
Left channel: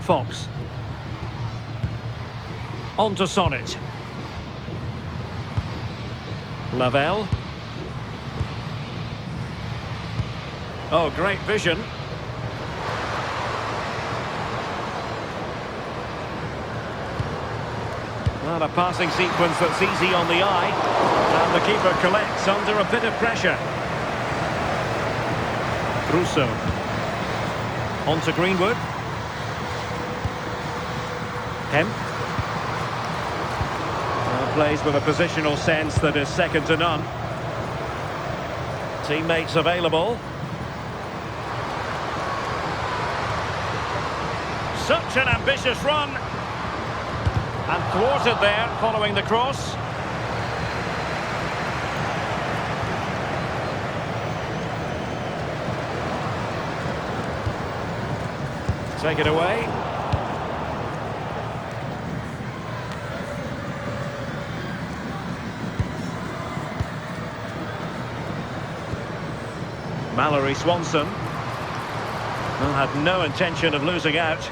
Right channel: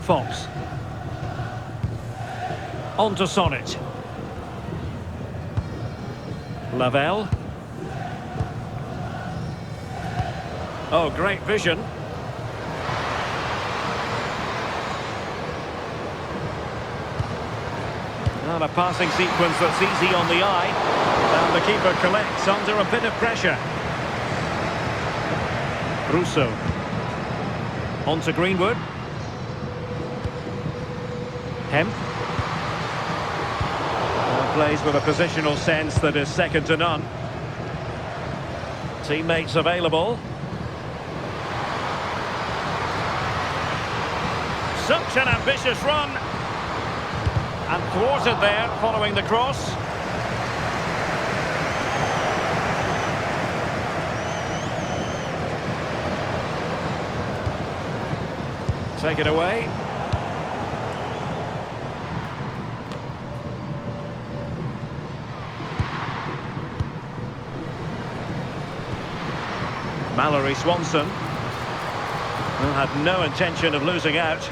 Fox. On to Sonnet. Lavelle. Oh, great vision. Well, a passing sequence that's easy on the eye. And the keeper collects under a bit of pressure. Russo. On to Greenwood. Hemp. Now plays with a positional sense that is second to none. Teammates available. Such an ambitious run. And thwarted there following the cross. Take it away. Mallory Swanson. Well, had no intention of losing out.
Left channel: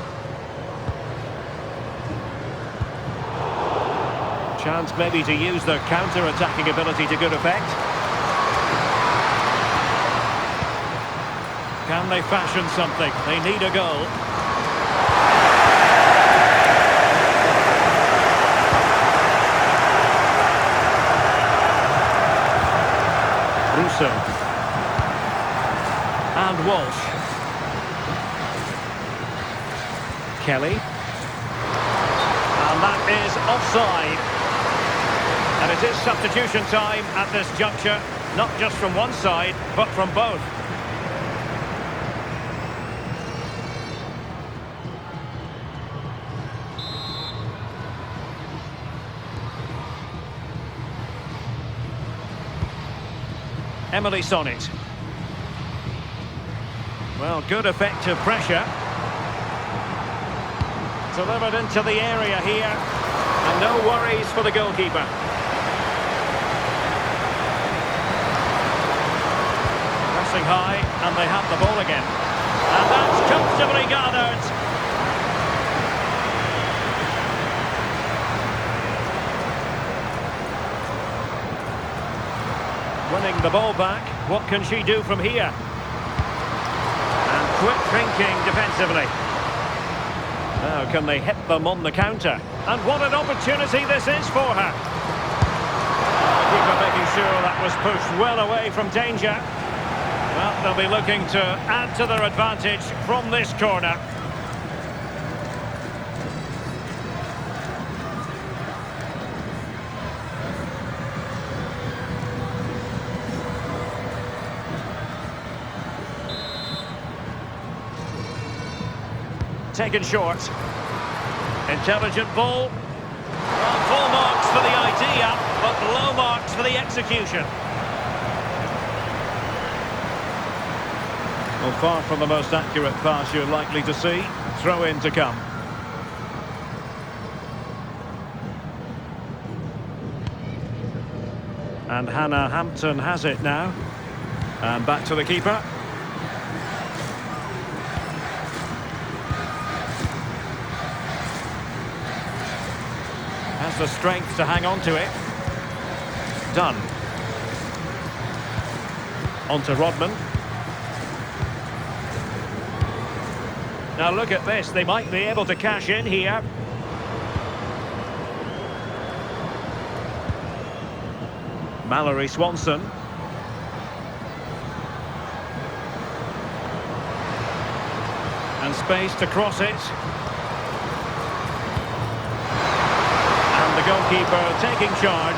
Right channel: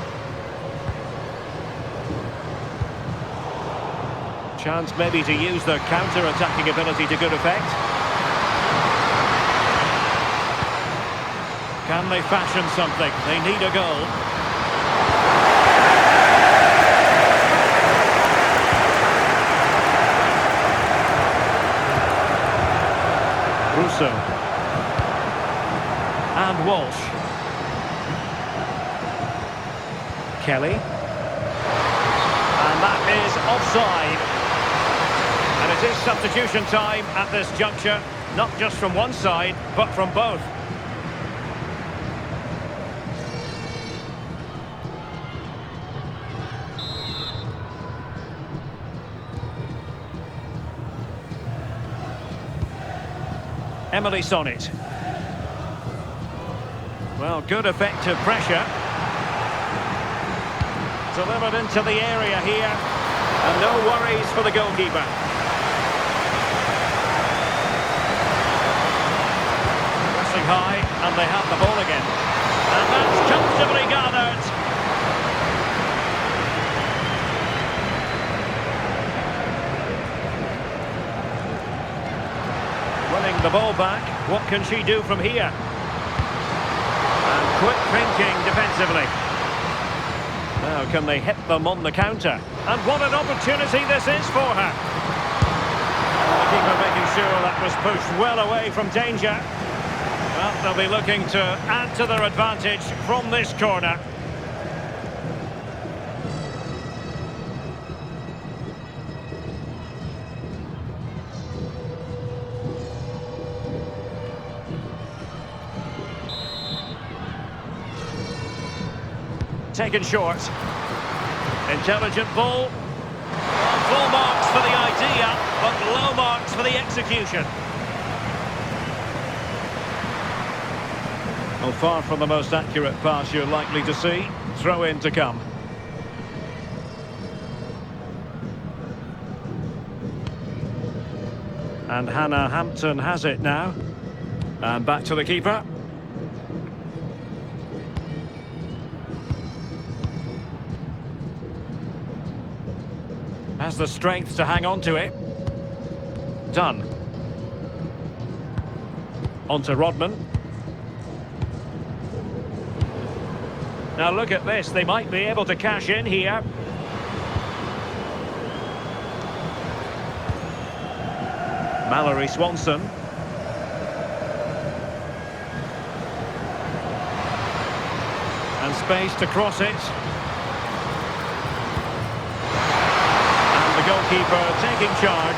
Chance maybe to use their counter-attacking ability to good effect. Can they fashion something? They need a goal. Russo. And Walsh. Kelly. And that is offside. And it is substitution time at this juncture, not just from one side, but from both. Emily Sonnet. Well, good effective pressure. Delivered into the area here. And no worries for the goalkeeper. Pressing high, and they have the ball again. And that's comfortably gathered. Winning the ball back. What can she do from here? And quick thinking defensively. Now can they hit them on the counter? And what an opportunity this is for her. And the keeper making sure that was pushed well away from danger. Well, they'll be looking to add to their advantage from this corner. taken short. Intelligent ball. Well, full marks for the idea, but low marks for the execution. Well, far from the most accurate pass you're likely to see. Throw in to come. And Hannah Hampton has it now. And back to the keeper. Has the strength to hang on to it. Done. On to Rodman. Now look at this, they might be able to cash in here. Mallory Swanson. And space to cross it. And the goalkeeper taking charge.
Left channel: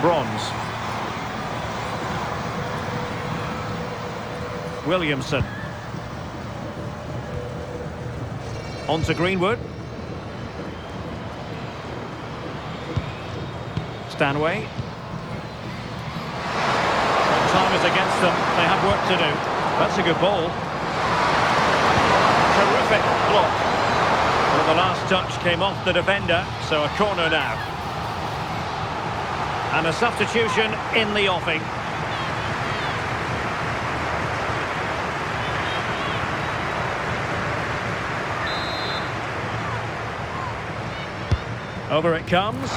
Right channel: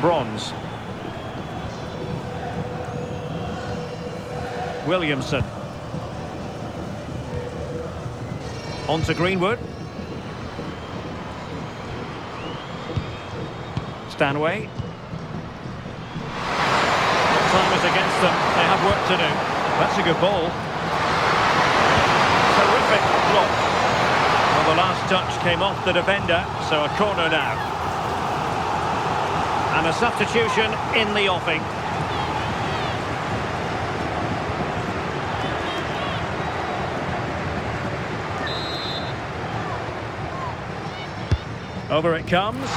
Bronze. Williamson. On to Greenwood. Stanway. Well, time is against them. They have work to do. That's a good ball. Terrific block. Well, the last touch came off the defender, so a corner now. And a substitution in the offing. Over it comes.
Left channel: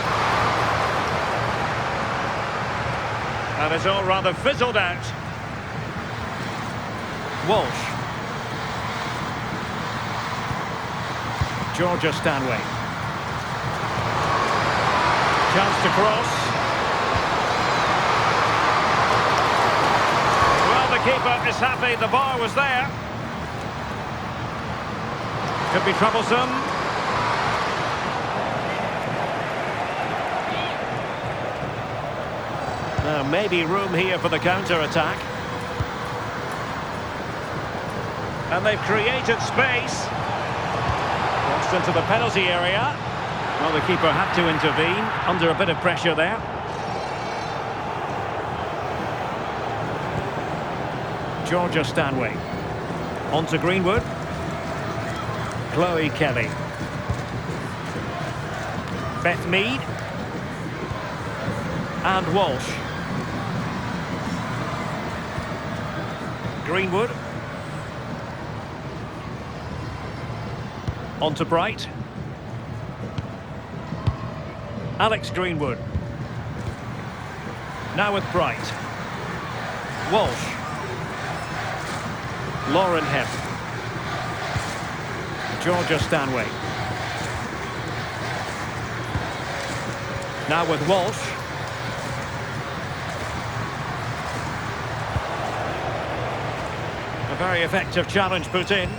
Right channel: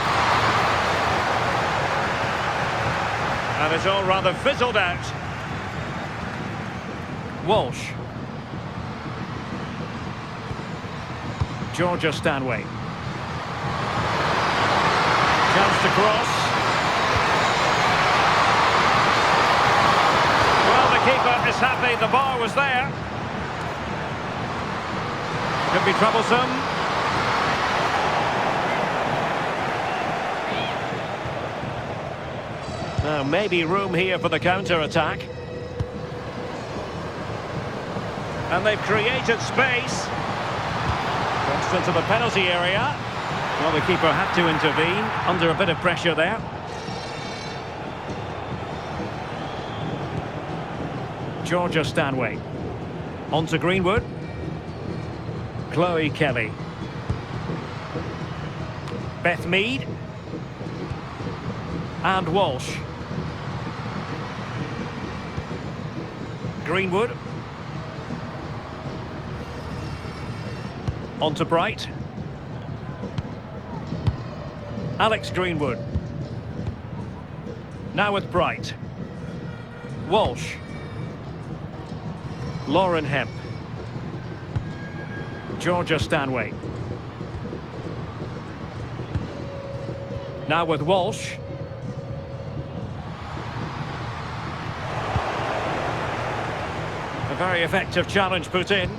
And it's all rather fizzled out. Walsh. Georgia Stanway. Chance to cross. Well, the keeper is happy the bar was there. Could be troublesome. Now, maybe room here for the counter-attack. And they've created space. Crossed into the penalty area. Well, the keeper had to intervene, under a bit of pressure there. Georgia Stanway. On to Greenwood. Chloe Kelly. Beth Mead. And Walsh. Greenwood. On to Bright. Alex Greenwood. Now with Bright. Walsh. Lauren Hemp. Georgia Stanway. Now with Walsh. A very effective challenge put in.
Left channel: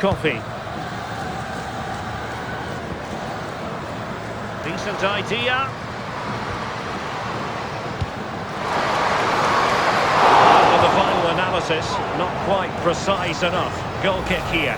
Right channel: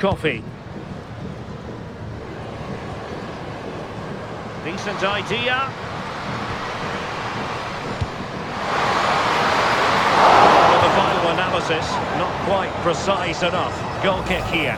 Coffee. Decent idea. With the final analysis, not quite precise enough. Goal kick here.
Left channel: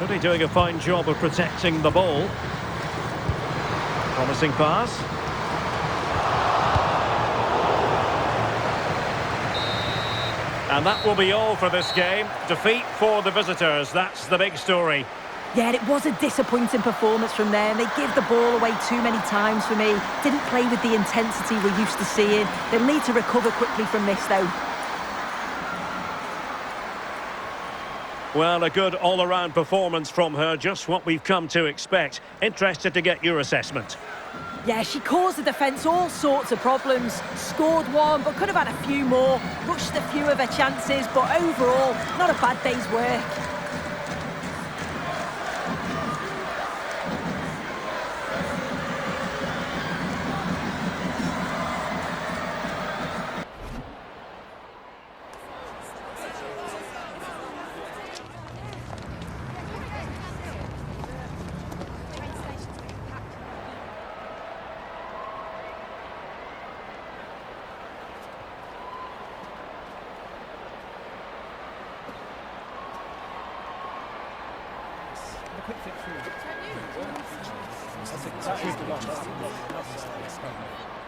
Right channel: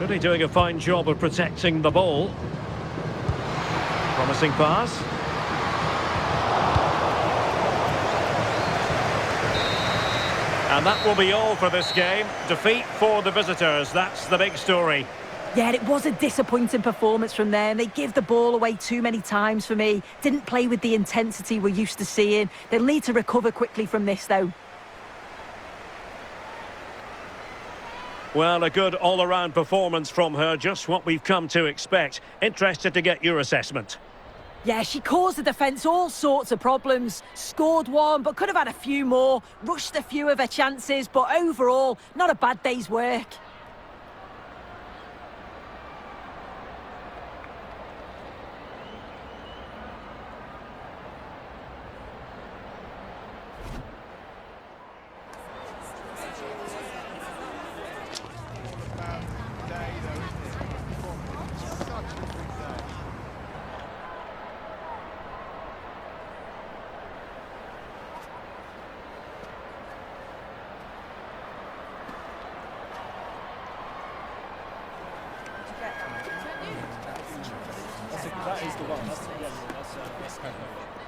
Really doing a fine job of protecting the ball. Promising pass. And that will be all for this game. Defeat for the visitors, that's the big story. Yeah, it was a disappointing performance from them. They give the ball away too many times for me. Didn't play with the intensity we're used to seeing. They'll need to recover quickly from this, though. Well, a good all-around performance from her, just what we've come to expect. Interested to get your assessment. Yeah, she caused the defence all sorts of problems. Scored one, but could have had a few more. Rushed a few of her chances, but overall, not a bad day's work. That is the one. That's